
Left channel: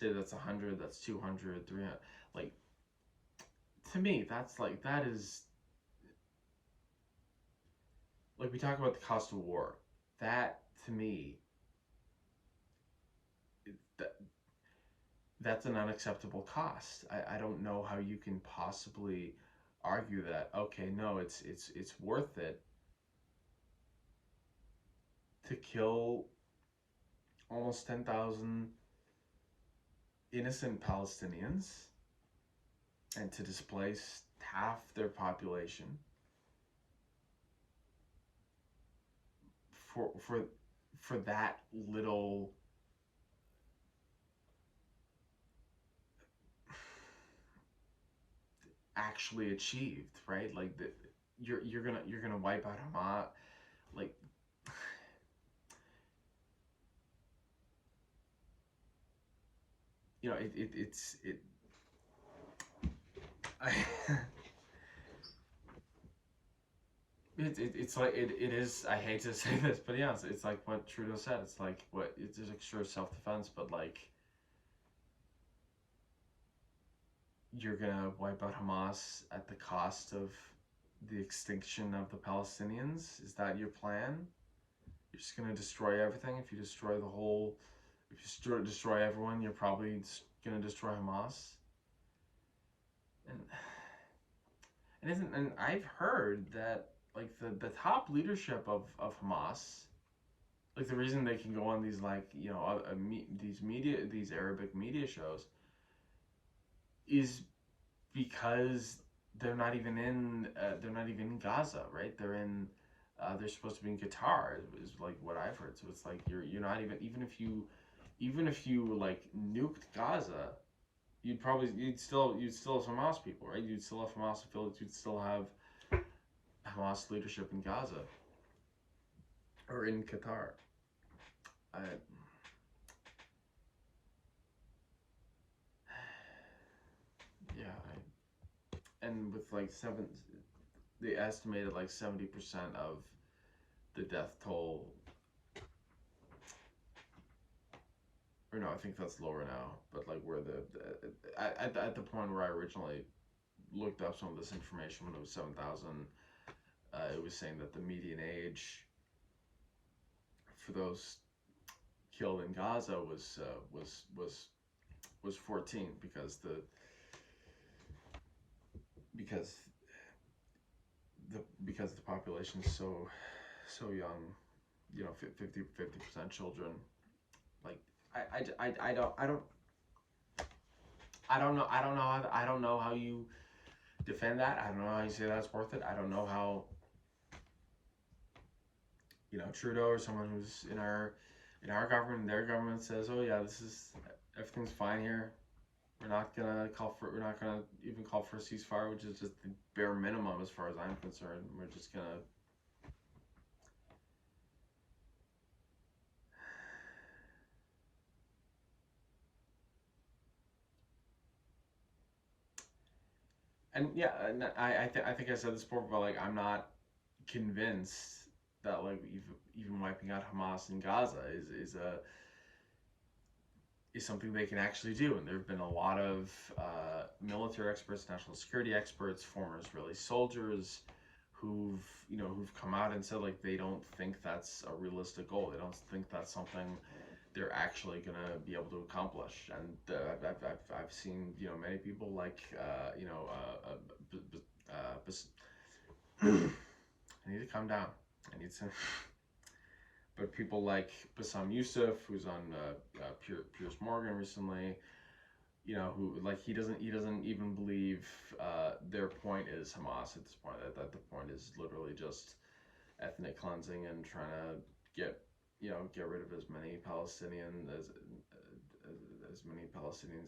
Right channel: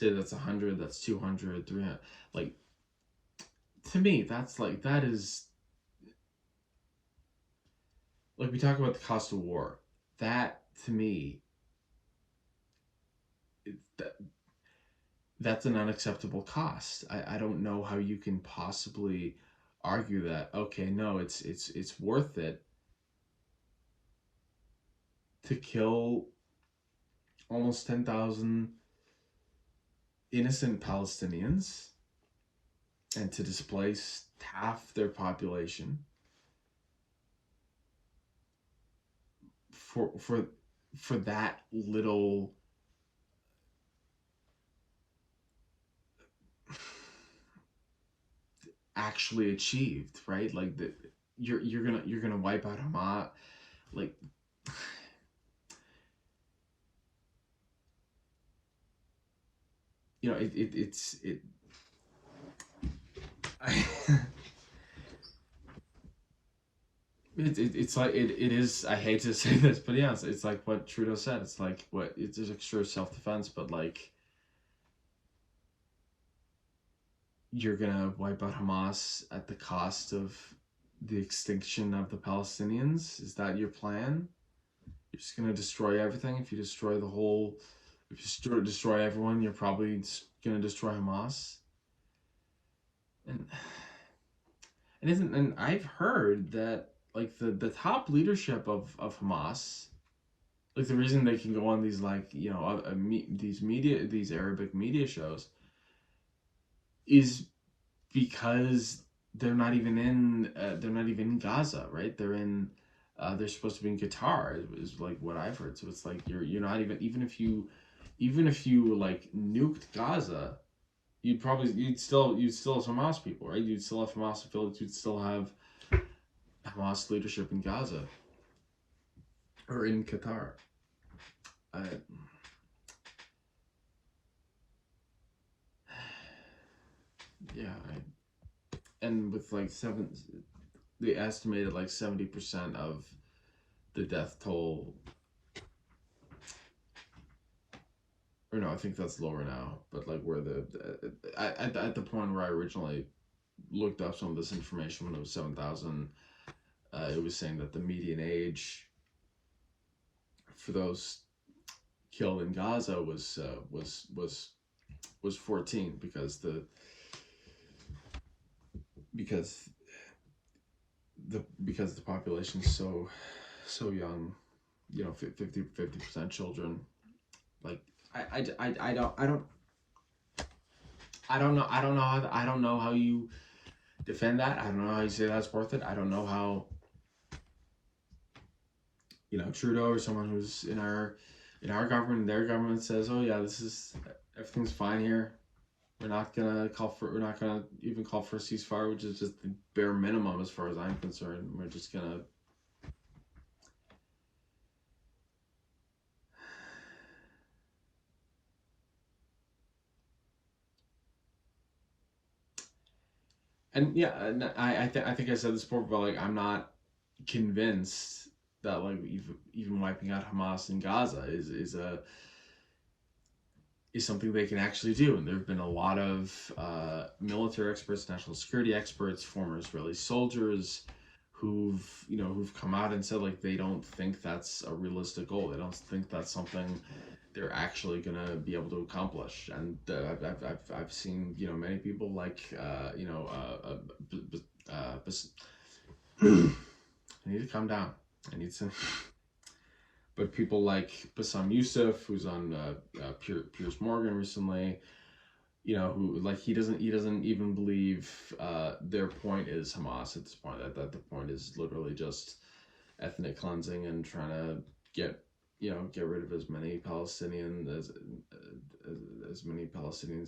100, that's 200, 300. Like, to me, that is, like, we talk about the cost of war. That, to me, that's an unacceptable cost. I don't know how you can possibly argue that, okay, no, it's worth it to kill almost 10,000 innocent Palestinians and to displace half their population for that little actually achieved, right? Like, you're gonna wipe out Hamas, like, it's like it is. I hate to say this, but yeah, it's like what Trudeau said. It's like it's extra self-defense, but like, you're gonna wipe out Hamas at the cost of the extinction of the Palestinians. Is that your plan? You're just gonna destroy everything. If you destroy destroy everyone, you're probably gonna destroy Hamas. And I've heard that, like, the top leadership of Hamas, like, the reason they can go on these, like, these Arabic media shows is because they're not even in Gaza, right? They're supposed to be in Qatar, is like what I've heard. So it's like, you're not even if you like nuked Gaza, you'd still have Hamas people, right? You'd still have Hamas affiliates. You'd still have Hamas leadership in Gaza or in Qatar. And with like they estimated like 70% of the death toll, or or no, I think that's lower now, but like where at the point where I originally looked up some of this information when it was 7,000, it was saying that the median age for those killed in Gaza was 14 because the population is so young, 50% children. Like I don't know how you defend that. I don't know how you say that's worth it. I don't know how Trudeau or someone who's in our government, their government says, oh yeah, everything's fine here. We're not gonna even call for a ceasefire, which is just the bare minimum as far as I'm concerned. We're just gonna I think I said this before, but like I'm not convinced that like even wiping out Hamas in Gaza is something they can actually do. And there have been a lot of military experts, national security experts, former Israeli soldiers who've come out and said like they don't think that's a realistic goal. They don't think that's something they're actually gonna be able to accomplish. And I've seen many people like I need to calm down. I need to. But people like Bassam Youssef, who's on Piers Morgan recently, who like he doesn't even believe their point is Hamas at this point. That the point is literally just ethnic cleansing and trying to get rid of as many Palestinians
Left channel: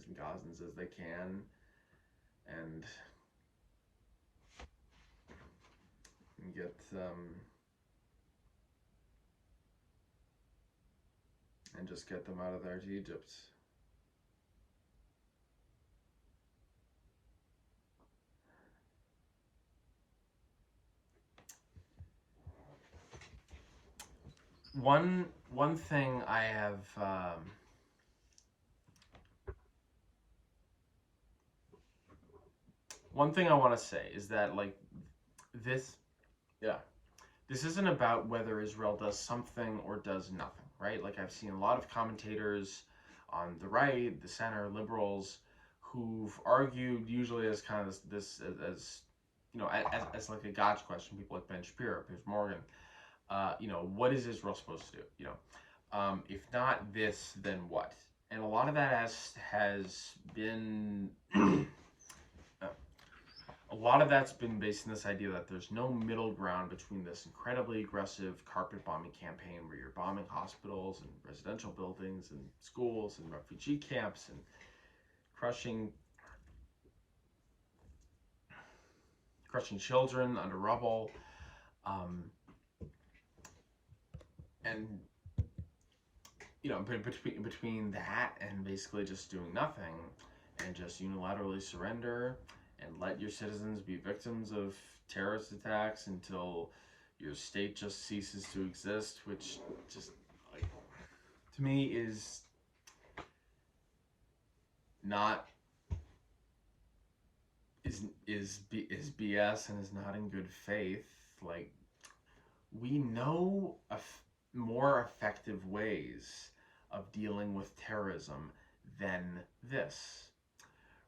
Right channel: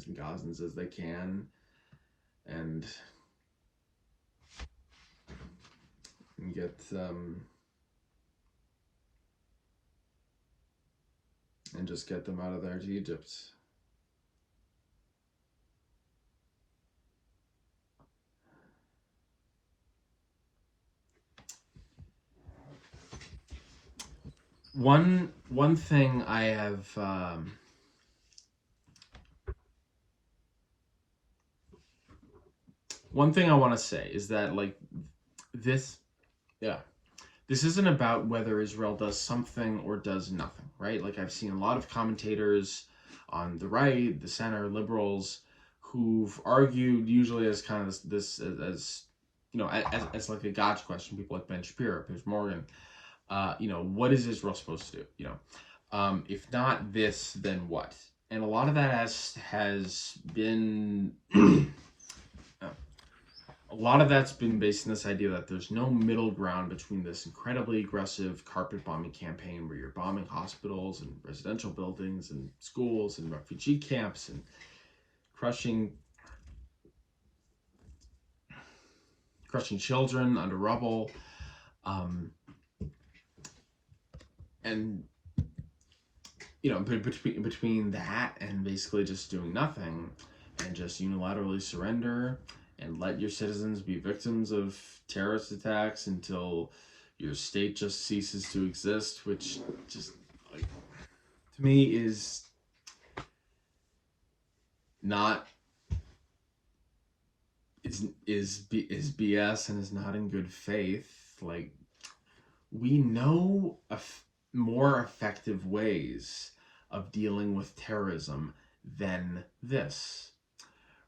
and Gazans as they can, and get and just get them out of there to Egypt. One thing I have one thing I want to say is that like this isn't about whether Israel does something or does nothing, right? Like I've seen a lot of commentators on the right, the center, liberals, who've argued usually as kind of this as like a gotcha question. People like Ben Shapiro, Piers Morgan. What is Israel supposed to do? If not this, then what? And a lot of that has been a lot of that's been based on this idea that there's no middle ground between this incredibly aggressive carpet bombing campaign where you're bombing hospitals and residential buildings and schools and refugee camps and crushing children under rubble, and between that and basically just doing nothing and just unilaterally surrender and let your citizens be victims of terrorist attacks until your state just ceases to exist, which just like to me is not is BS and is not in good faith. Like we know more effective ways of dealing with terrorism than this.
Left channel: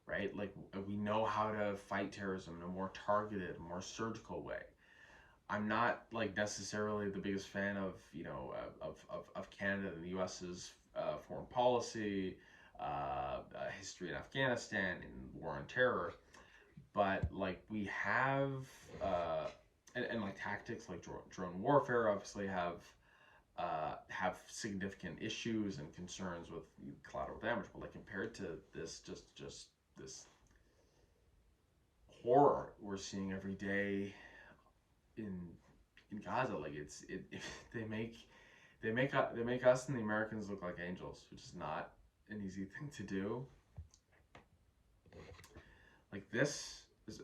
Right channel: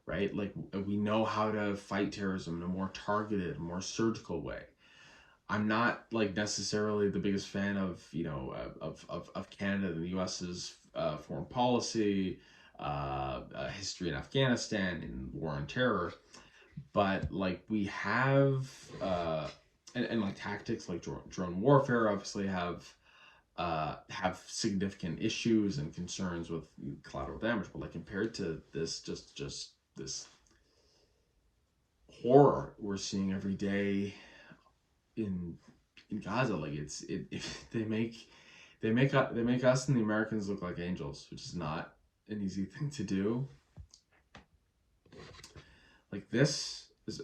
Right? Like we know how to fight terrorism in a more targeted, more surgical way. I'm not like necessarily the biggest fan of of Canada and the U.S.'s foreign policy, history in Afghanistan and war on terror, but like we have and like tactics like drone warfare obviously have significant issues and concerns with collateral damage, but like compared to this just this horror we're seeing every day in Gaza, like they make us and the Americans look like angels, which is not an easy thing to do. Like this is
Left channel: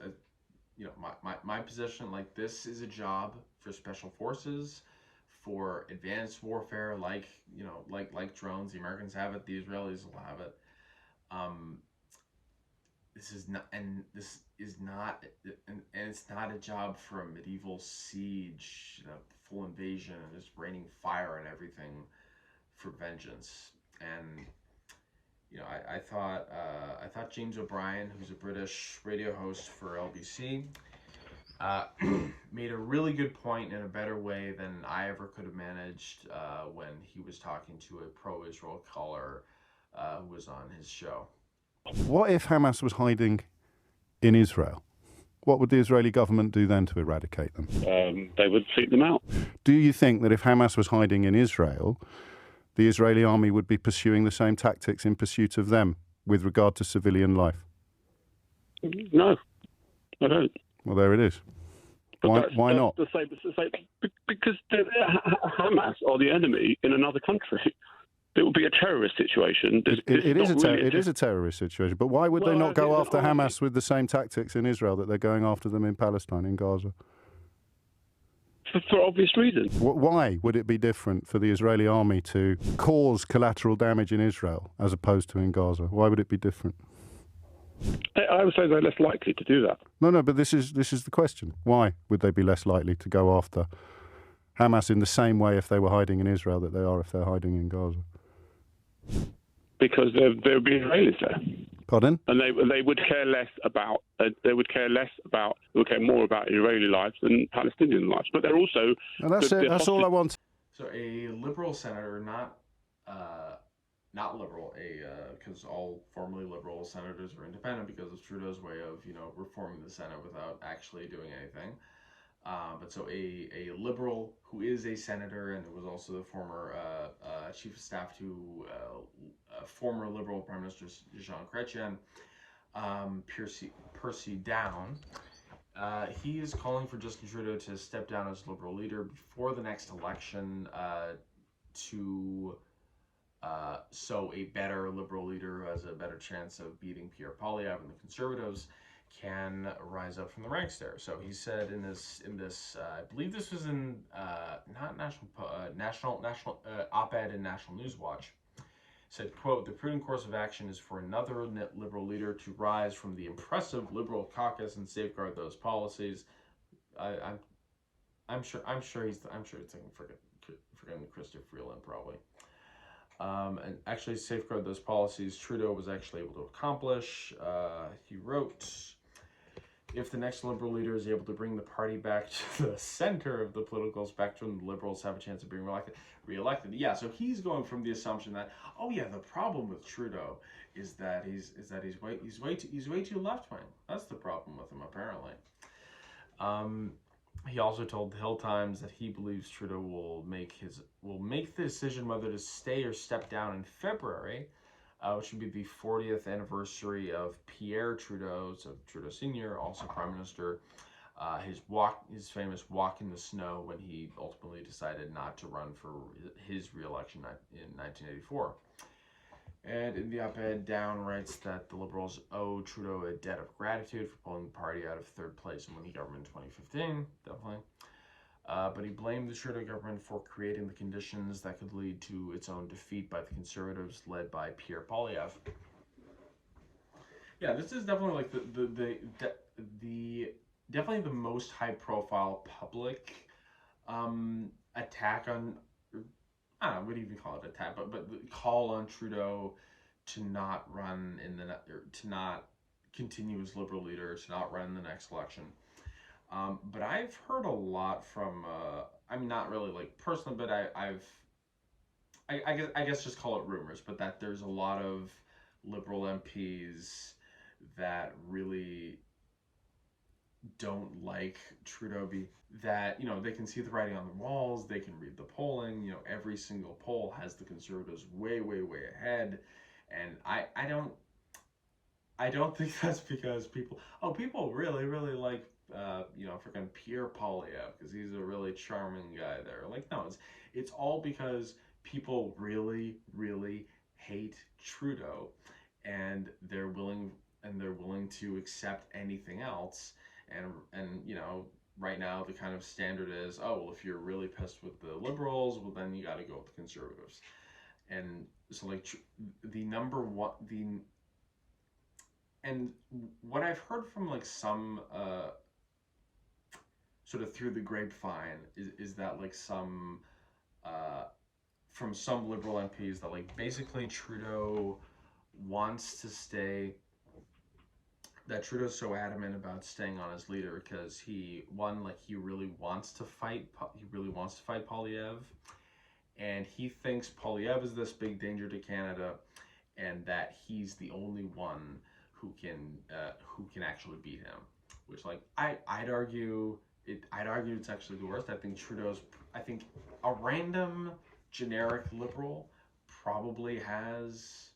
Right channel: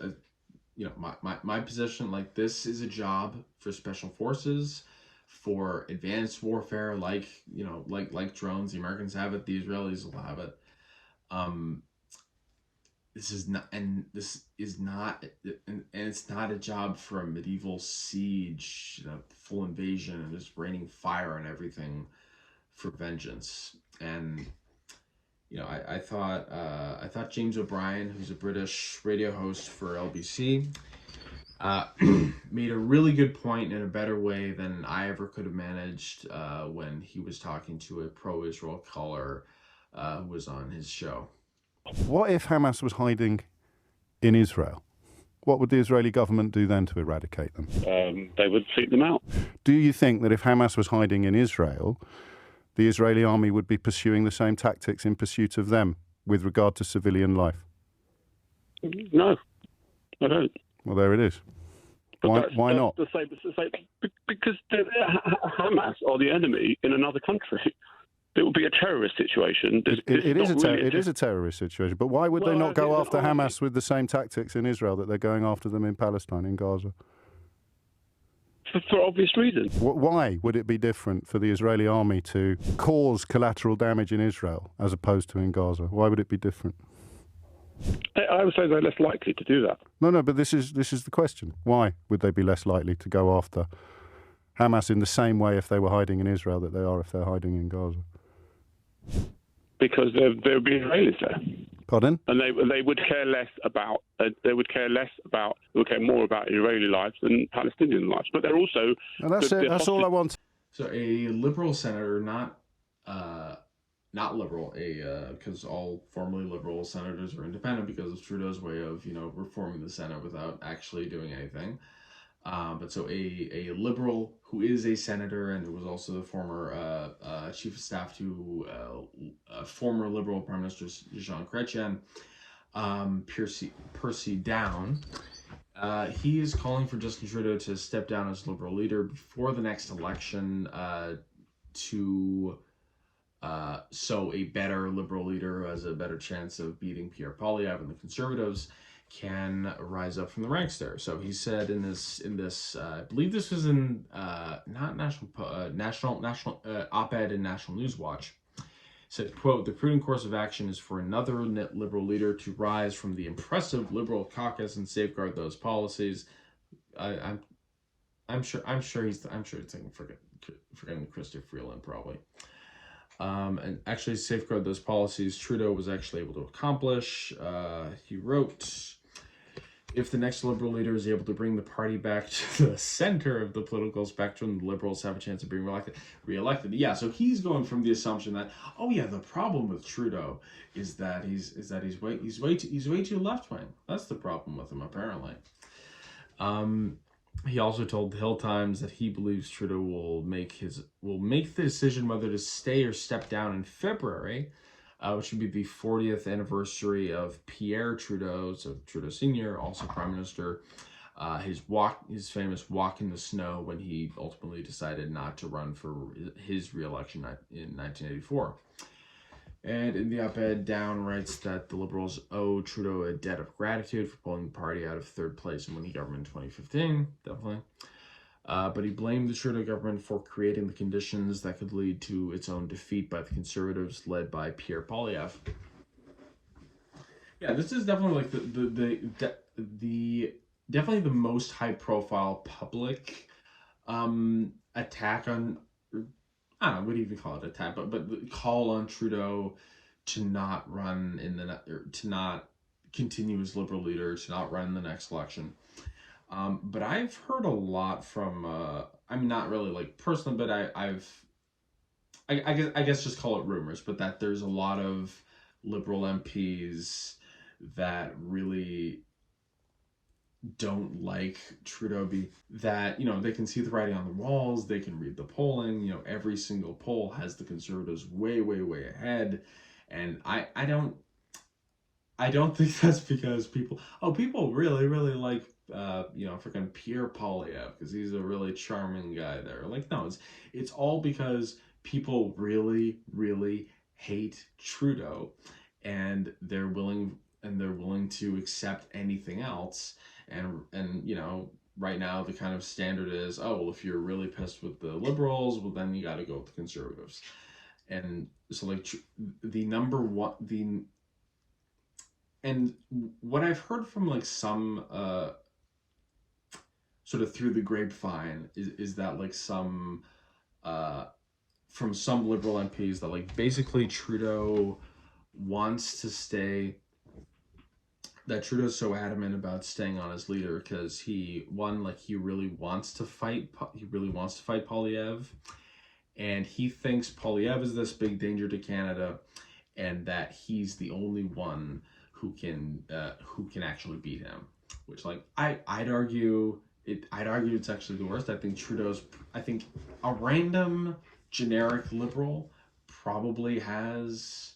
my position. Like this is a job for special forces, for advanced warfare, like like drones. The Americans have it. The Israelis will have it. This is not, and this is not, and it's not a job for a medieval siege, full invasion, and just raining fire on everything for vengeance. And I thought James O'Brien, who's a British radio host for LBC, made a really good point in a better way than I ever could have managed when he was talking to a pro-Israel caller who was on his show. What if Hamas was hiding in Israel? What would the Israeli government do then to eradicate them? They would seek them out. Do you think that if Hamas was hiding in Israel, the Israeli army would be pursuing the same tactics in pursuit of them with regard to civilian life? No, I don't. Well, there it is. Why not? Because Hamas are the enemy in another country. It would be a terrorist situation. It is a terrorist situation, but why would they not go after Hamas with the same tactics in Israel that they're going after them in Palestine, in Gaza? For obvious reasons. Why would it be different for the Israeli army to cause collateral damage in Israel as opposed to in Gaza? Why would it be different? I would say they're less likely to do that. No, but this is the question. Why would they be less likely to go after Hamas in the same way if they were hiding in Israel that they are if they're hiding in Gaza? Because there would be Israelis there. Pardon? And they would care less about. They would care more about Israeli lives than Palestinian lives. But they're also. And that's it. That's all I want. So a liberal senator, not liberal, because all formerly liberal senators are independent because of Trudeau's way of reforming the Senate without actually doing anything. But so a liberal who is a senator and who was also the former chief of staff to former liberal Prime Minister Jean Chrétien, Percy Down, he is calling for Justin Trudeau to step down as liberal leader before the next election so a better liberal leader who has a better chance of beating Pierre Poilievre and the Conservatives can rise up from the ranks there. So he said in this I believe this was in not national op-ed in National News Watch, said, quote, "The prudent course of action is for another liberal leader to rise from the impressive liberal caucus and safeguard those policies." I'm sure he's thinking forgetting Chrystia Freeland probably. And actually safeguard those policies Trudeau was actually able to accomplish. He wrote, "If the next Liberal leader is able to bring the party back to the center of the political spectrum, the Liberals have a chance of being reelected." Yeah, so he's going from the assumption that, the problem with Trudeau is that he's way too left wing. That's the problem with him apparently. He also told the Hill Times that he believes Trudeau will make the decision whether to stay or step down in February, which would be the 40th anniversary of Pierre Trudeau, so Trudeau Sr., also Prime Minister, his famous walk in the snow when he ultimately decided not to run for his re-election in 1984. And in the op-ed, Down writes that the Liberals owe Trudeau a debt of gratitude for pulling the party out of third place in winning government in 2015, definitely. But he blamed the Trudeau government for creating the conditions that could lead to its own defeat by the Conservatives led by Pierre Poilievre. Yeah, this is definitely like definitely the most high-profile public attack on. I don't know what do you even call it, attack, but the call on Trudeau to not run to not continue as Liberal leader, to not run in the next election. But I've heard a lot from, not really like personally, but I guess just call it rumors, but that there's a lot of Liberal MPs that really don't like Trudeau that they can see the writing on the walls, they can read the polling, every single poll has the Conservatives way ahead, and I don't think that's because people really like freaking Pierre Poilievre because he's a really charming guy there. Like, no, it's all because people really hate Trudeau and they're willing to accept anything else. And right now the kind of standard is, oh, well, if you're really pissed with the liberals, well, then you got to go with the conservatives. And so, like, the number one, and what I've heard from, like, some, sort of through the grapevine is that, like, some, from some liberal MPs that, like, basically Trudeau wants to stay, that Trudeau's so adamant about staying on as leader because he really wants to fight Poilievre, and he thinks Poilievre is this big danger to Canada, and that he's the only one who can actually beat him. Which, like, I'd argue it's actually the worst. I think a random generic liberal probably has.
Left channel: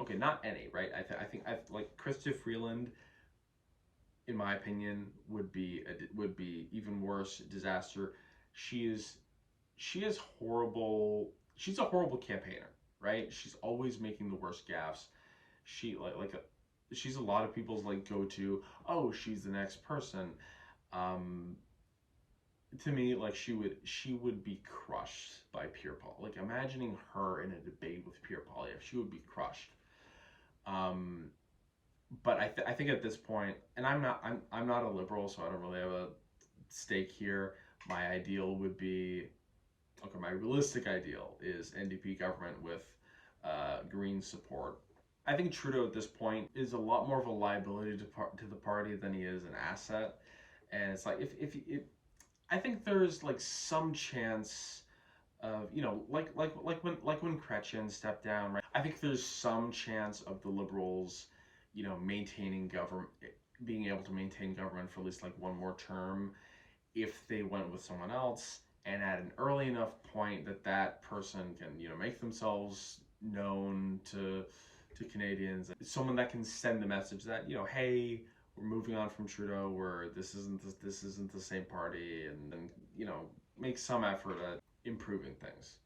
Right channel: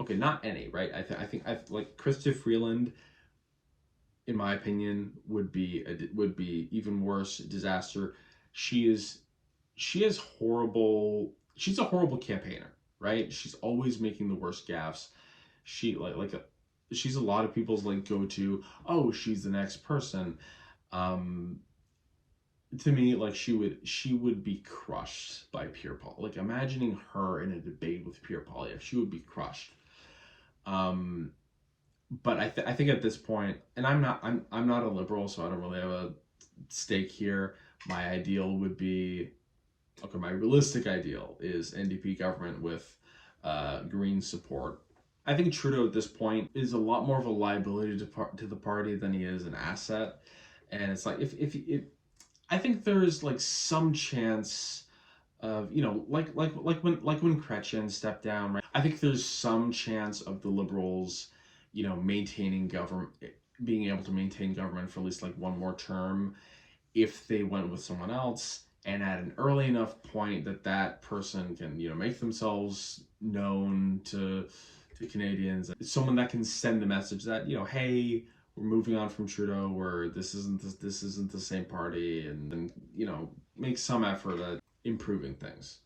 Okay, not any, right? I think like Chrystia Freeland, in my opinion, would be even worse, disaster. She's horrible. She's a horrible campaigner, right? She's always making the worst gaffes. She's a lot of people's, like, go-to. Oh, she's the next person. To me, like, she would be crushed by Pierre Paul. Like, imagining her in a debate with Pierre Poilievre, she would be crushed. But I think at this point, and I'm not a liberal, so I don't really have a stake here. My ideal would be, okay, my realistic ideal is NDP government with Green support. I think Trudeau at this point is a lot more of a liability to the party than he is an asset. And it's like, if I think there's, like, some chance of, you know, like when Chrétien stepped down, right? I think there's some chance of the Liberals, you know, being able to maintain government for at least, like, one more term if they went with someone else, and at an early enough point that person can, you know, make themselves known to Canadians, someone that can send the message that, you know, hey, we're moving on from Trudeau, where this isn't the same party, and you know, make some effort at improving things.